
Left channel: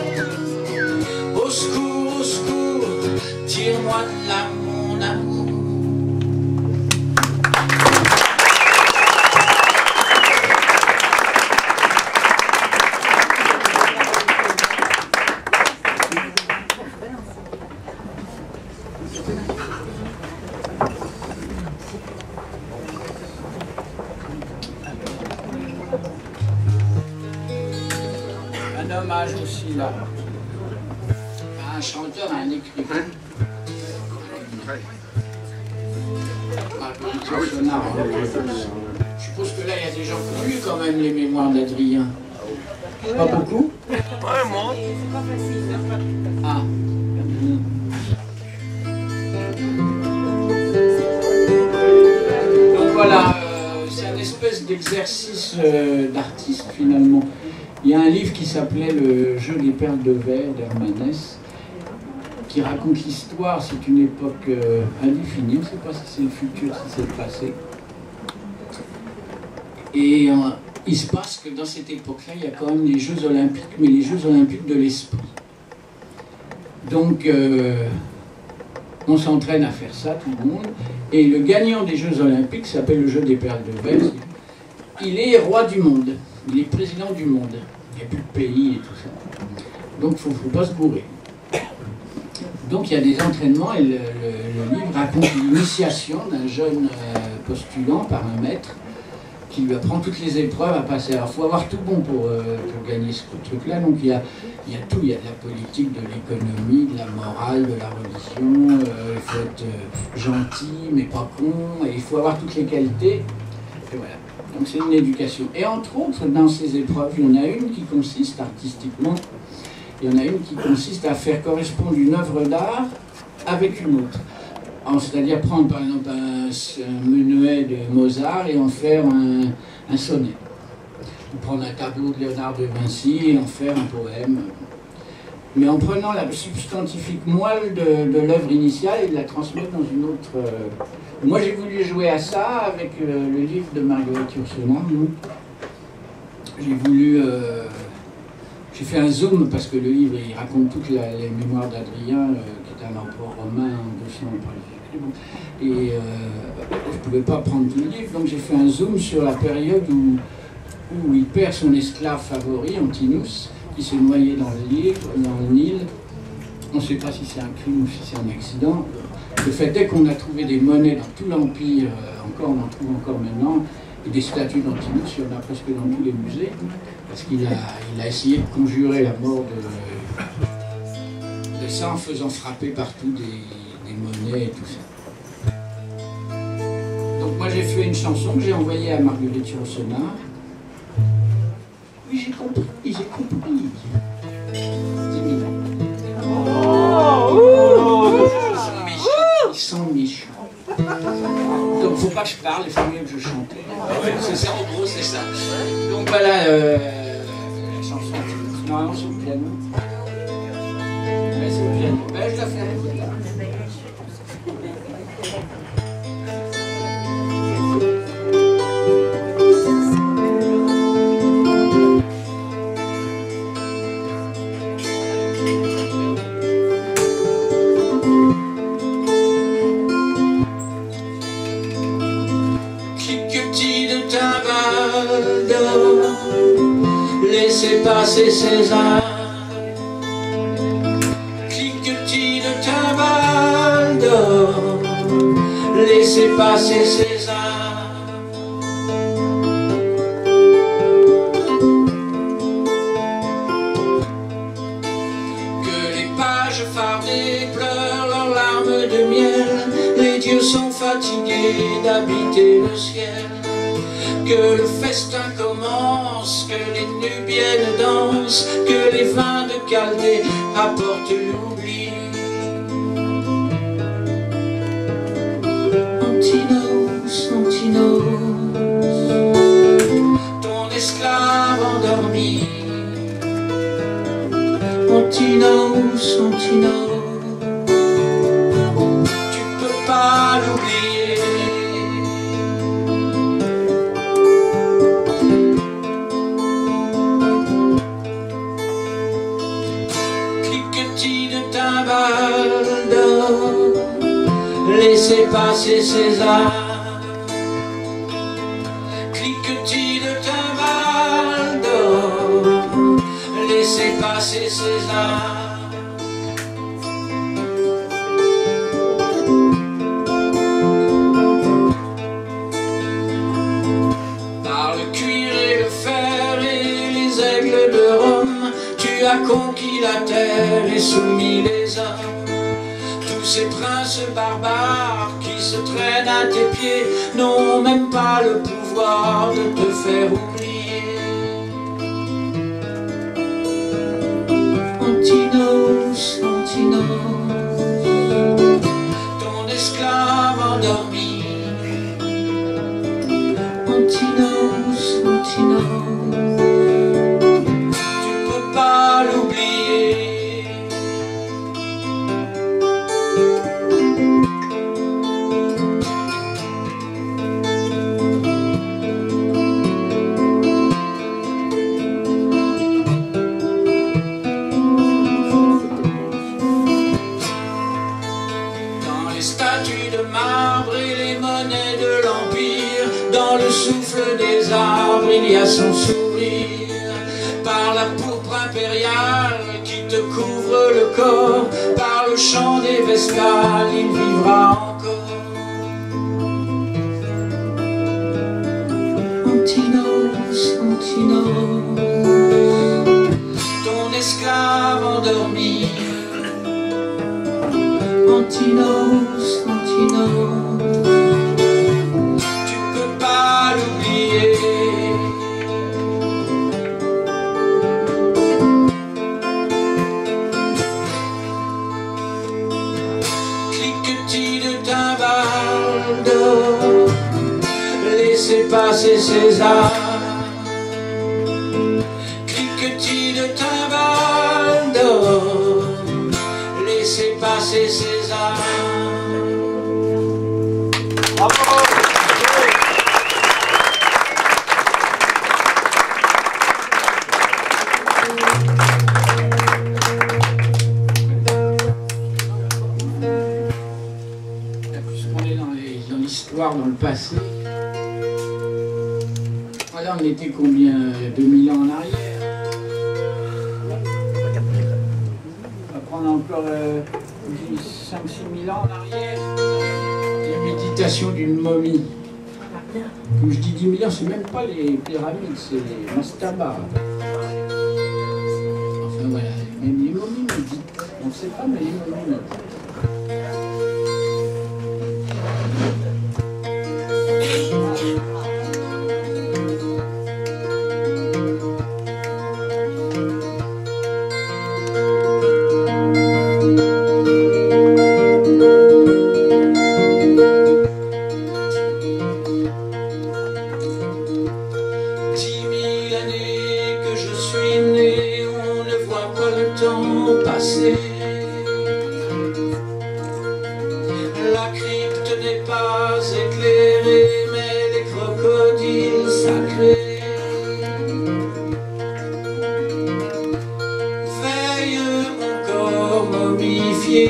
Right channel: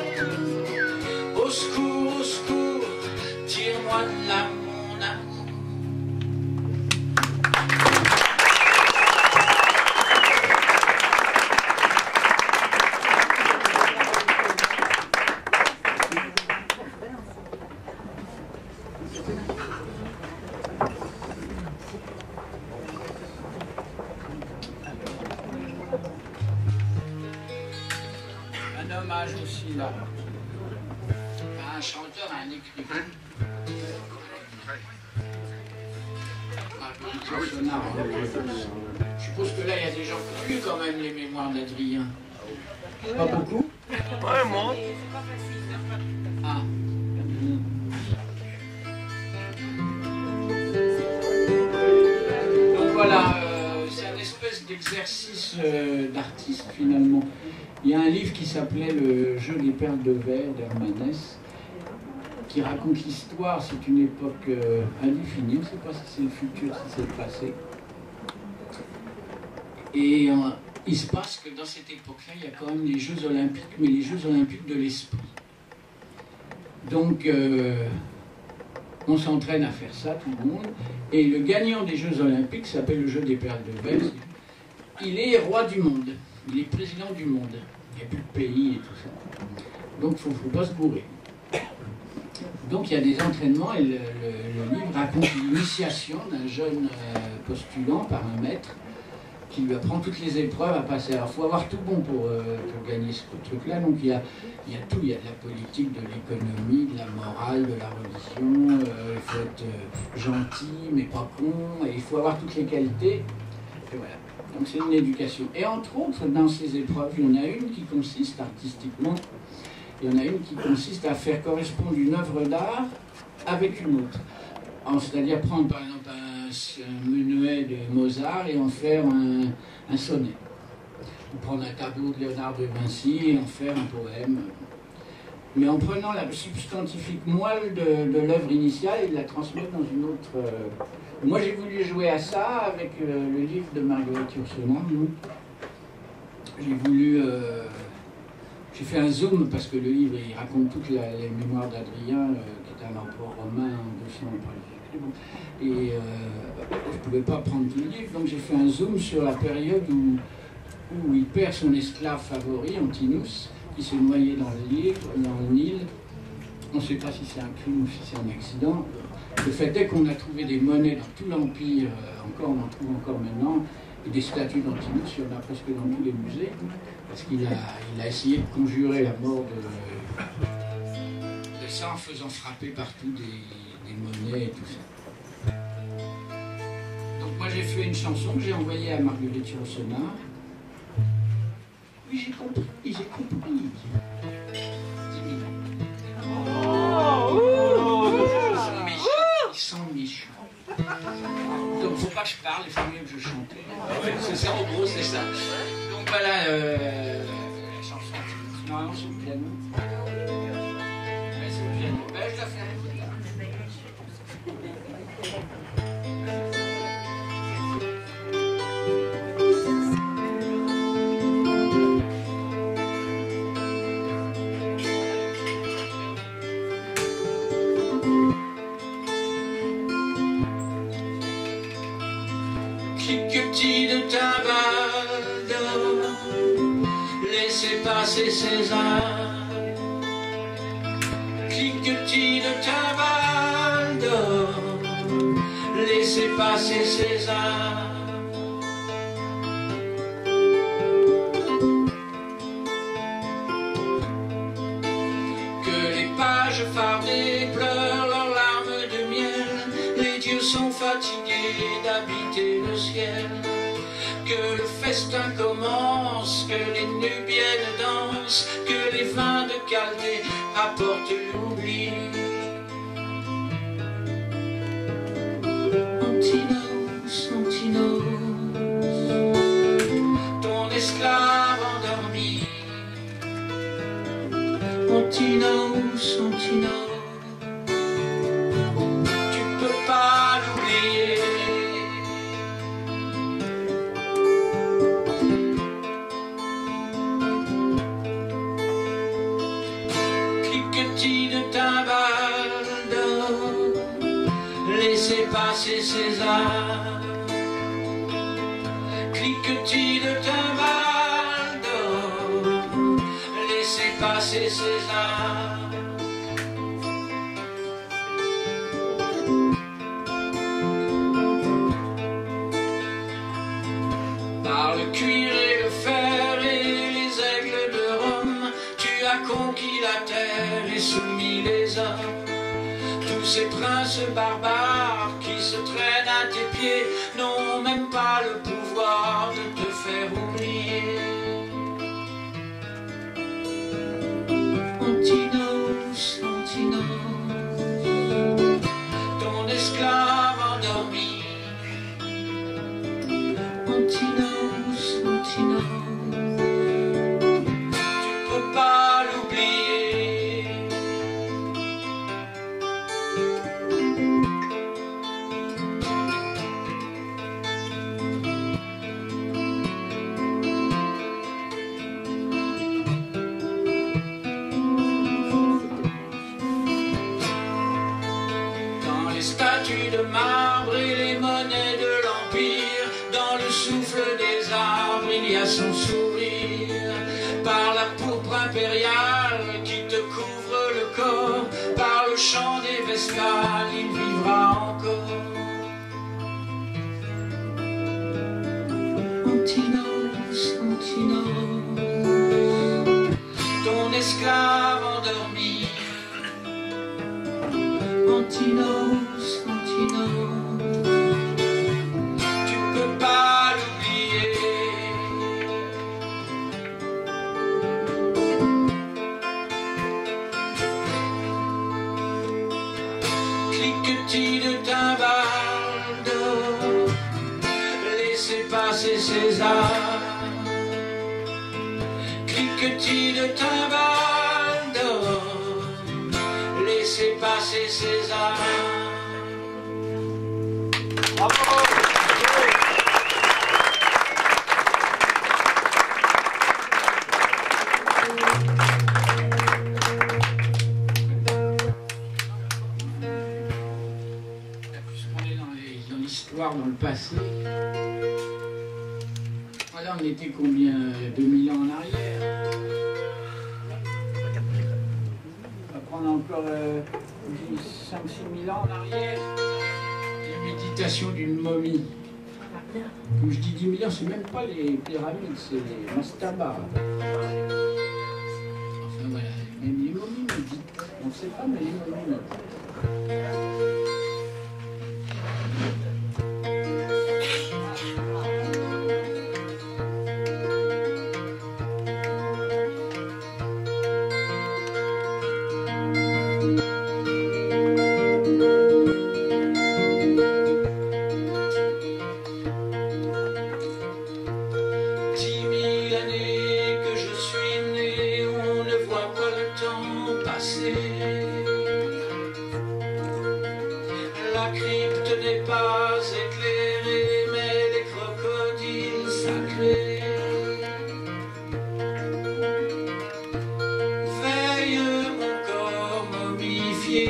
Au secours, tire-moi de là, mon amour. Hommage aussi là à un chanteur, à un écrivain. Je suppose que là il y a des gens qui ont lu quand même les mémoires d'Adrien. Pas beaucoup? Ouais, moi. Ah. Donc voilà, c'est un espèce d'exercice d'artiste finalement. Il y a un livre qui s'appelait Le jeu des perles de verre d'Hermanès, qui raconte l'histoire, c'est une époque indéfinie, on ne sait pas si c'est le futur, si c'est le passé. Et il se passe que dans cette époque-là, il y a quand même les Jeux Olympiques, mais les Jeux Olympiques de l'esprit. Donc, on s'entraîne à faire ça, tout le monde, et le gagnant des Jeux Olympiques s'appelle le jeu des perles de verre. Il est roi du monde, il est président du monde. Il n'y a plus de pays et tout ça. Donc il ne faut pas se bourrer. Donc il y a des entraînements et le livre raconte l'initiation d'un jeune postulant par un maître qui lui apprend toutes les épreuves à passer. Alors il faut avoir tout bon pour gagner ce truc-là. Donc il y a tout, il y a de la politique, de l'économie, de la morale, de la religion. Il faut être gentil mais pas con, et il faut avoir toutes les qualités. Et voilà. Donc c'est une éducation. Et entre autres, dans ces épreuves, il y en a une qui consiste artistiquement, il y en a une qui consiste à faire correspondre une œuvre d'art avec une autre. C'est-à-dire prendre par exemple un menuet de Mozart et en faire un sonnet. Ou prendre un tableau de Léonard de Vinci et en faire un poème. Mais en prenant la substantifique moelle de l'œuvre initiale et de la transmettre dans une autre... Moi, j'ai voulu jouer à ça avec le livre de Marguerite Yourcenar, j'ai voulu... j'ai fait un zoom parce que le livre il raconte toutes les mémoires d'Adrien, qui est un empereur romain en 200 après Jésus-Christ. Et je ne pouvais pas prendre tout le livre, donc j'ai fait un zoom sur la période où il perd son esclave favori, Antinous, qui s'est noyé dans le Nil. On ne sait pas si c'est un crime ou si c'est un accident. Le fait est qu'on a trouvé des monnaies dans tout l'Empire, on en trouve encore maintenant, et des statues d'Antinous, il y en a presque dans tous les musées, parce qu'il a essayé de conjurer la mort de ça en faisant frapper partout des monnaies et tout ça. Donc moi j'ai fait une chanson que j'ai envoyée à Marguerite Yourcenar. Oui, j'ai compris. Ils sont méchants. Donc faut pas que je parle, il faut mieux que je chante. C'est ça, en gros, c'est ça. Donc voilà, la chanson, normalement c'est au piano. Ouais, c'est au piano. Ben, je la fais avec là. Cliquetis de timbales d'or, laissez passer César. Cliquetis de timbales d'or, laissez passer César. Que les pages fardées pleurent leurs larmes de miel, les dieux sont fatigués d'habiter le ciel. Que le festin commence, que les Nubiennes dansent, que les vins de Chaldée apportent l'oubli. Antinous, Antinous, ton esclave endormi. Antinous, Antinous, tu peux pas l'oublier. Cliquetis de timbales d'or, laissez passer César. Cliquetis de timbales d'or, laissez passer César. Par le cuir et le fer et les aigles de Rome, tu as conquis la terre et soumis les hommes. Tous ces princes barbares qui se traînent à tes pieds n'ont même pas le pouvoir de te faire oublier. Antinous, Antinous, ton esclave endormi. Antinous, Antinous, tu peux pas l'oublier. Dans les statues de marbre et les monnaies de l'Empire, dans le souffle des arbres, il y a son sourire. Par la pourpre impériale qui te couvre le corps, par le chant des vespales, il vivra encore. Antinous, Antinous, ton esclave endormi. Antinous, Antinous, tu peux pas l'oublier. Cliquetis de timbales d'or, laissez passer César. Cliquetis de timbales d'or, laissez passer César. Puisqu'on est dans l'histoire, dans le passé, voilà, on était combien 2000 ans en arrière. On va prendre encore 5-6 000 ans en arrière. La méditation d'une momie. Comme je dis 10 000 ans, c'est même pas les pyramides, c'est les mastabas. Enfin voilà, même les momies méditent. On ne sait pas, mais les momies méditent. La crypte n'est pas éclairée, mais les crocodiles sacrés veillent mon corps momifié.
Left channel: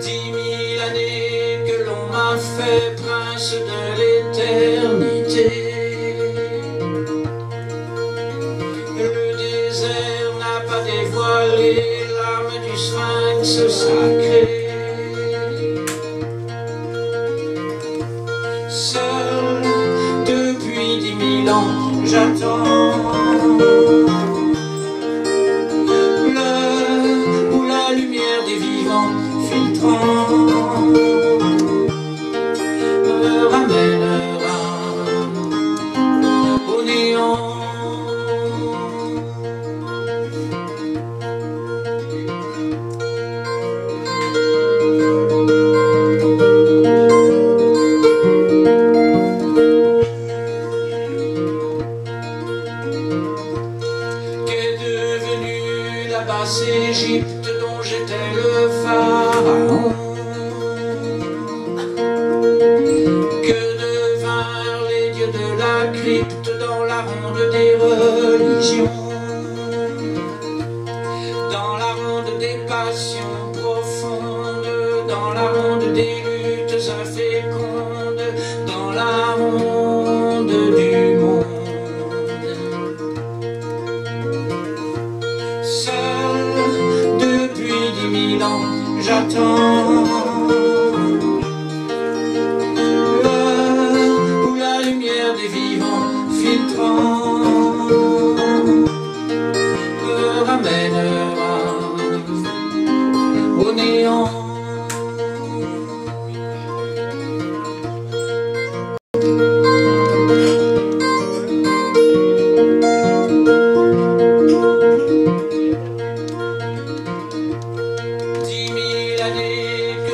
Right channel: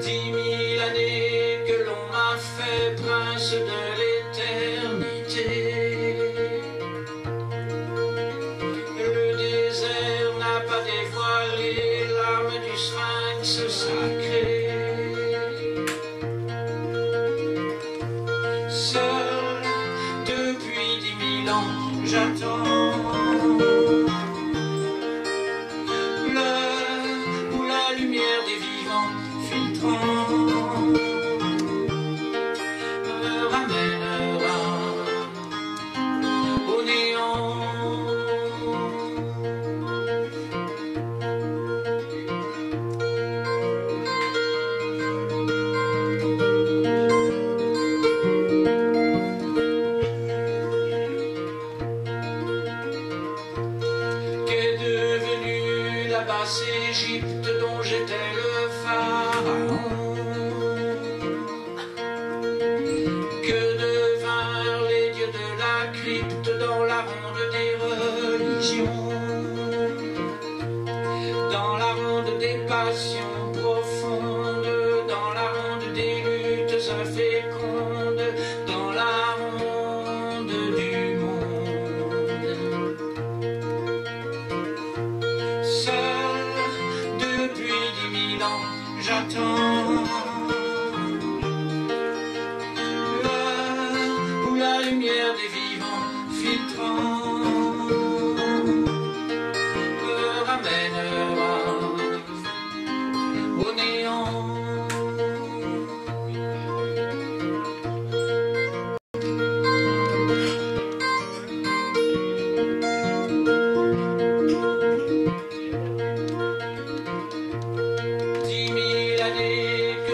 10 000 années que l'on m'a fait prince de l'éternité. Le désert n'a pas dévoilé l'âme du sphinx sacré. Seul depuis 10 000 ans j'attends l'heure où la lumière des vivants filtrant me ramènera au néant. Basse Égypte dont j'étais le pharaon, que devinrent les dieux de la crypte dans la ronde des religions, dans la ronde des passions profondes, dans la ronde des luttes infécondes, dans la ronde du monde. Depuis 10 000 ans, j'attends l'heure où la lumière des vivants filtrant me ramènera au néant.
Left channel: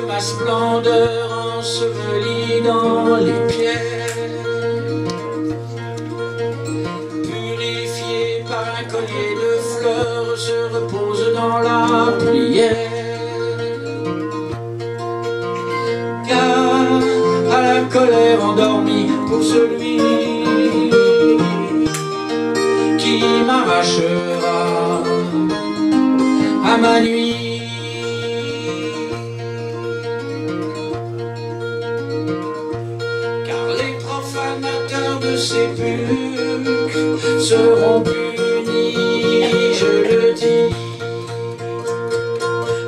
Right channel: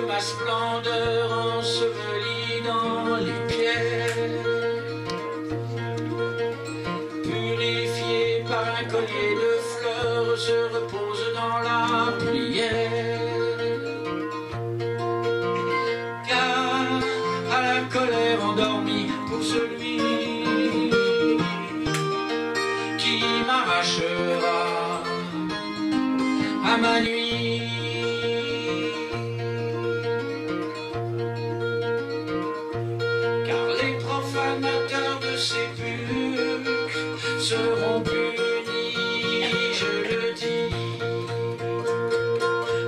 Ma splendeur ensevelie dans les pierres, purifiée par un collier de fleurs, se repose dans la prière. Car à la colère endormie pour celui qui m'arrachera à ma nuit. Profanateurs de sépulcres seront punis, je le dis.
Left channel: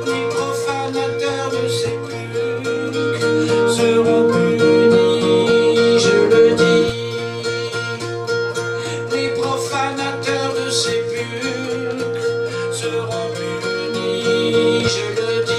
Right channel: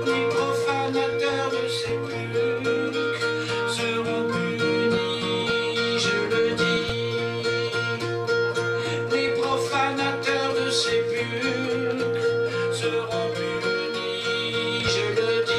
Les profanateurs de sépulcres seront punis, je le dis. Les profanateurs de sépulcres seront punis, je le dis.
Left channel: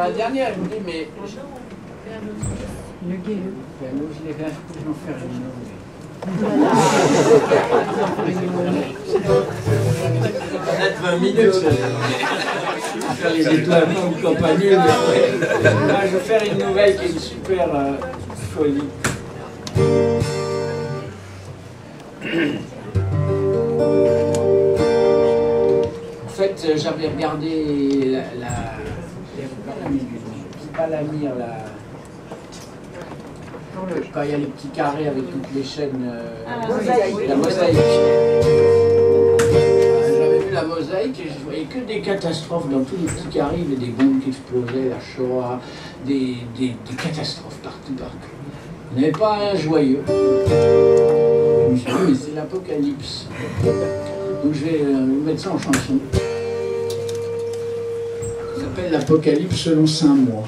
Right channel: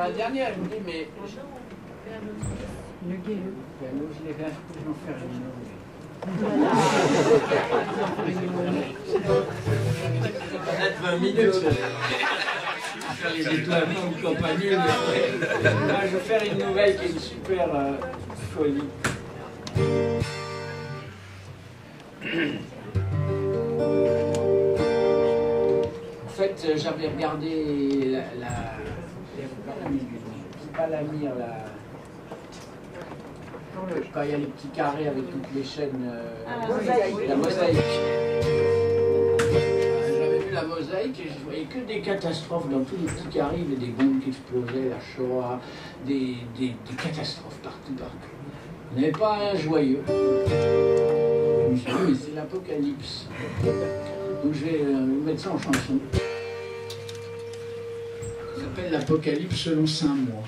La dernière, je me dis, mais... Le gay. Nous, je vais en faire une. minutes. Je vais faire les étoilements ou compagnie. Là, je vais faire une nouvelle qui est une super folie. En fait, j'avais regardé pas la mire, quand il y a les petits carrés avec toutes les chaînes, la mosaïque. J'avais vu la mosaïque et je voyais que des catastrophes dans tous les petits carrés, il y avait des bombes qui explosaient, la Shoah, des catastrophes partout. Il n'y avait pas un joyeux. Je me suis dit, mais c'est l'apocalypse. Donc je vais mettre ça en chanson. Ça s'appelle l'Apocalypse selon Saint Moi.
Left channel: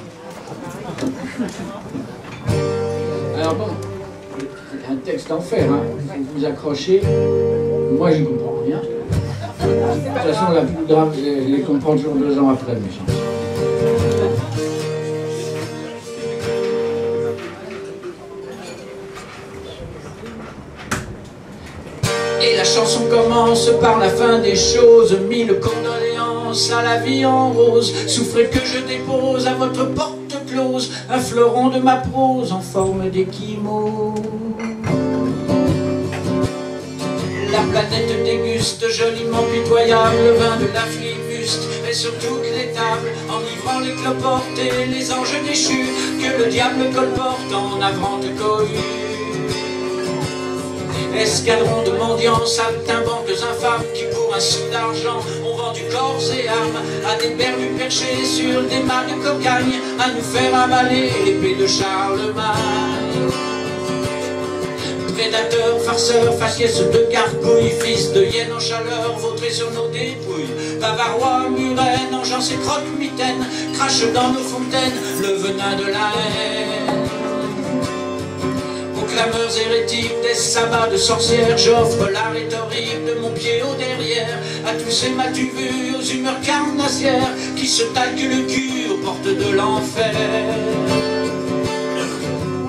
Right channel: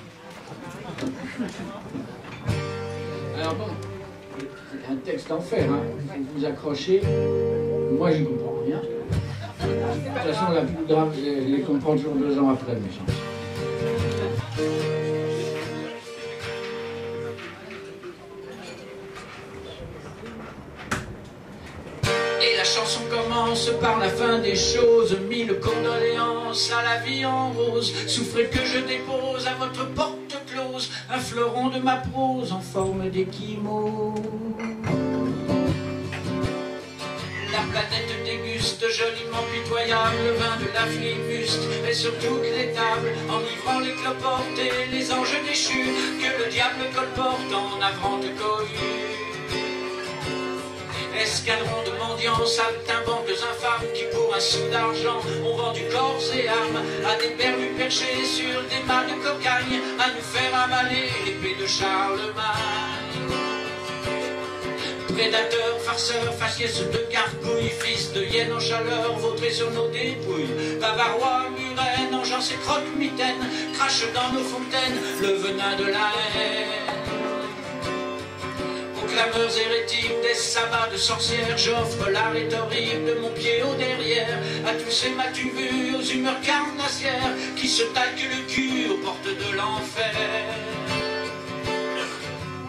Alors bon, c'est un texte d'enfer, hein. Vous vous accrochez. Moi, j'y comprends rien. De toute façon, la plus grave, je les comprends toujours 2 ans après mes chansons. Et la chanson commence par la fin des choses. 1000 condoléances à la vie en rose. Souffrez que je dépose à votre porte close un fleuron de ma prose en forme d'échymose. La planète déguste joliment pitoyable le vin de la flibuste et sur toutes les tables, enivrant les cloportes et les anges déchus que le diable colporte en navrante cohue. Escadron de mendiants, saltimbanques infâmes qui pour un sou d'argent ont vendu corps et armes à des bernus perchés sur des mâts de cocagne à nous faire avaler l'épée de Charlemagne. Prédateurs, farceurs, faciès de gargouilles, fils de hyène en chaleur, vautrés sur nos dépouilles, bavarois, murènes, engeance et croque-mitaines, crachent dans nos fontaines le venin de la haine. Aux clameurs hérétiques des sabbats de sorcières, j'offre la rhétorique de mon pied au derrière à tous ces m'as-tu vu aux humeurs carnassières qui se talquent le cul aux portes de l'enfer.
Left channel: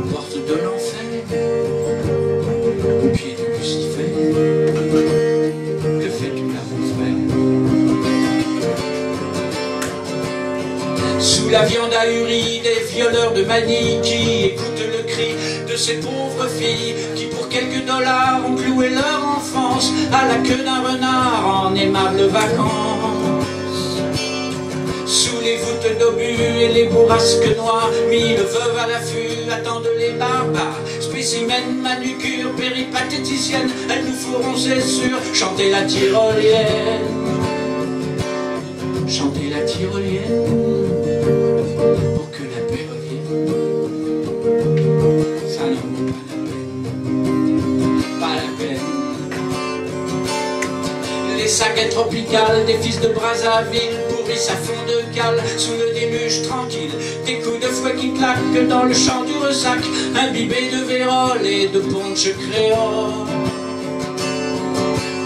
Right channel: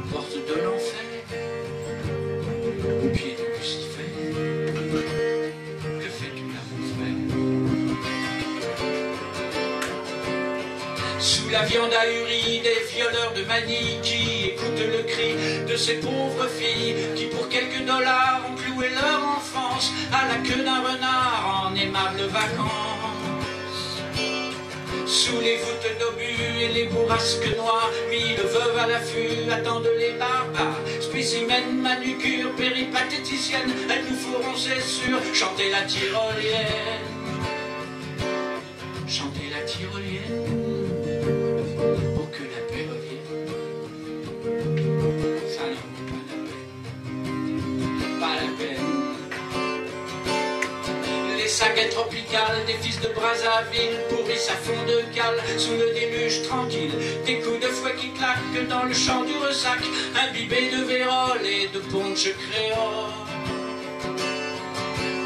Aux portes de l'enfer. Sous la viande ahurie des violeurs de Manille qui écoutent le cri de ces pauvres filles qui pour quelques dollars ont cloué leur enfance à la queue d'un renard en aimables vacances. Sous les voûtes d'obus et les bourrasques noires, 1000 veuves à l'affût attendent les barbares. Spécimens, manucures, péripatéticiennes, elles nous feront, c'est sûr, chanter la tyrolienne. Chanter la tyrolienne. Les sagas tropicales des fils de Brazzaville pourrissent à fond de cale sous le déluge tranquille. Des coups de fouet qui claquent dans le champ du ressac, imbibés de vérole et de punch créole.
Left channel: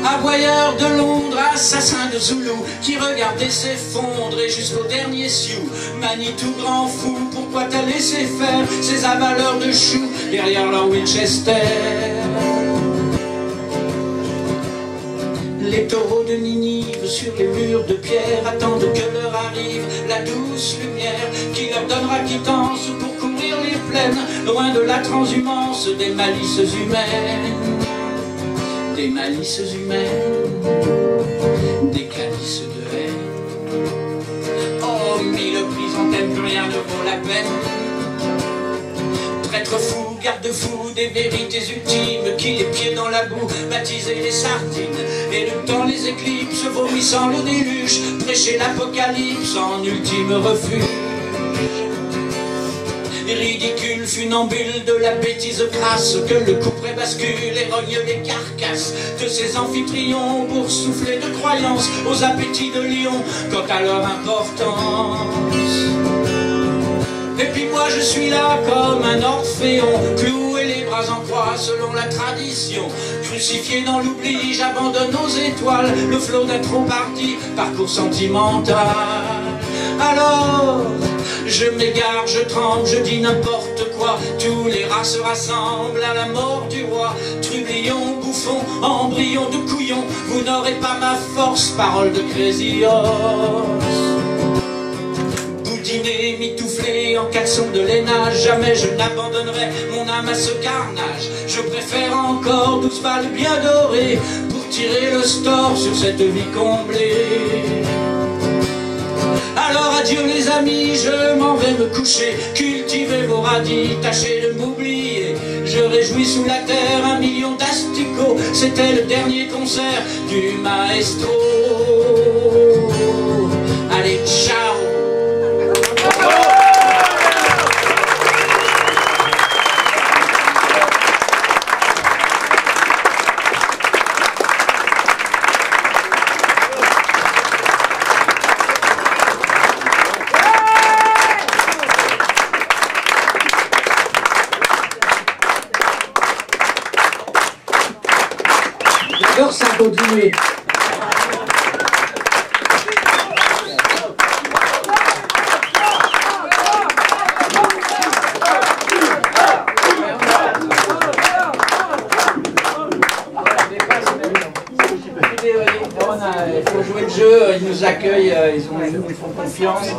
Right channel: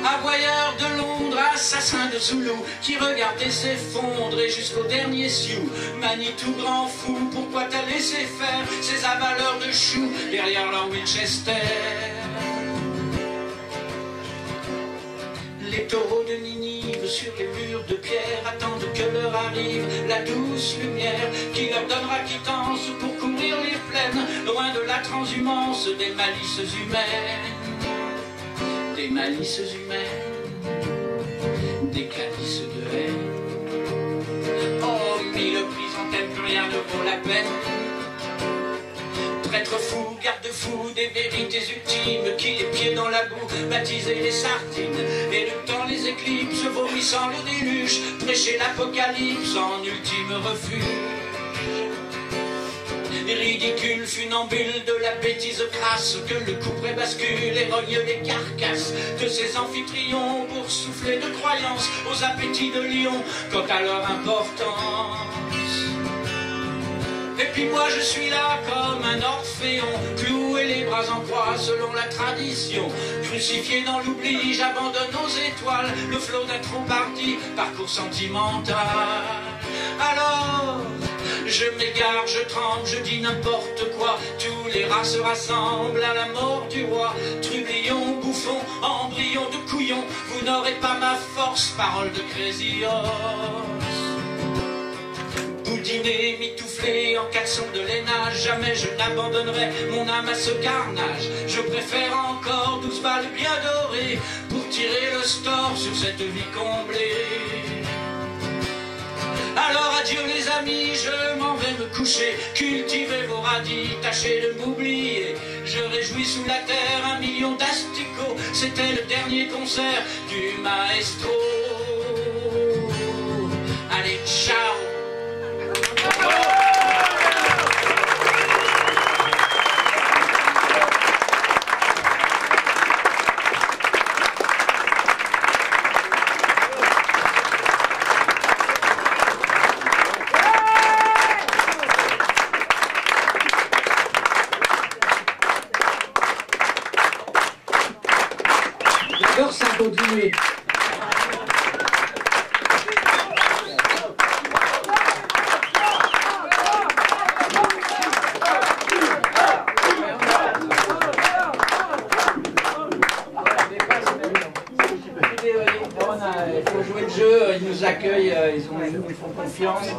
Aboyeurs de Londres, assassins de Zoulou qui regardaient s'effondrer jusqu'au dernier sioux. Manitou grand fou, pourquoi t'as laissé faire ces avaleurs de choux derrière leur Winchester? Les taureaux de Ninive sur les murs de pierre attendent que leur arrive la douce lumière qui leur donnera quittance pour couvrir les plaines, loin de la transhumance des malices humaines. Des malices humaines, des calices de haine. Oh, 1000 prisons t'aimes, plus rien ne vaut la peine. Prêtre fou, garde-fou des vérités ultimes qui, les pieds dans la boue, baptisaient les sardines, éructant les éclipses, vomissant le déluge, prêcher l'apocalypse en ultime refuge. Ridicule funambule de la bêtise crasse que le couperet bascule et rogne les carcasses de ces amphitryon pour souffler de croyance aux appétits de lion quant à leur importance. Et puis moi je suis là comme un orphéon, cloué les bras en croix selon la tradition. Crucifié dans l'oubli, j'abandonne aux étoiles le flot d'un trop parti parcours sentimental. Alors je m'égare, je tremble, je dis n'importe quoi. Tous les rats se rassemblent à la mort du roi. Trublions, bouffons, embryons de couillons, vous n'aurez n'aurai pas ma force, parole de Crazy Horse. Boudiné, mitouflé en caleçon de laine, jamais je n'abandonnerai mon âme à ce carnage. Je préfère encore 12 balles bien dorées pour tirer le store sur cette vie comblée. Alors adieu les amis, je m'en vais me coucher. Cultivez vos radis, tâchez de m'oublier. Je réjouis sous la terre 1 million d'asticots. C'était le dernier concert du maestro. Allez, ciao. J'adore ça continuer. Il faut jouer le jeu, ils nous accueillent, ils nous font confiance. Il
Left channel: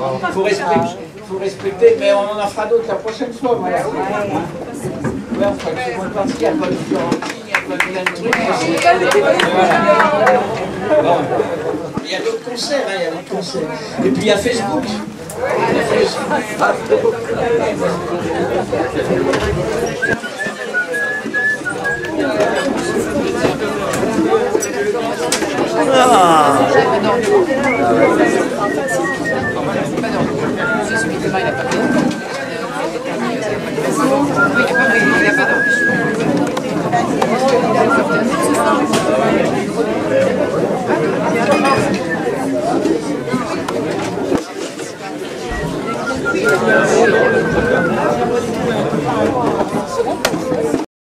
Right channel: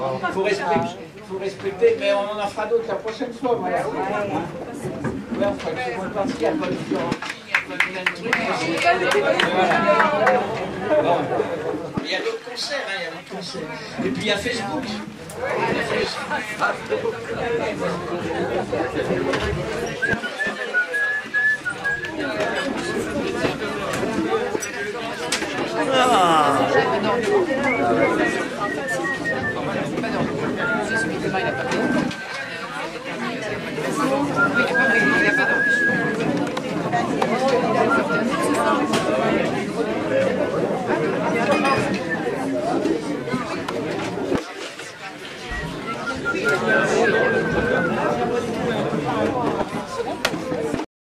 faut respecter, mais on en fera d'autres la prochaine fois. Voilà. Ouais, on fera une seconde partie, il n'y a pas de Florentine, il n'y a pas de plein de trucs. Voilà. Bon. Il y a d'autres concerts, hein, il y a d'autres concerts. Et puis il y a Facebook. Il y a Facebook.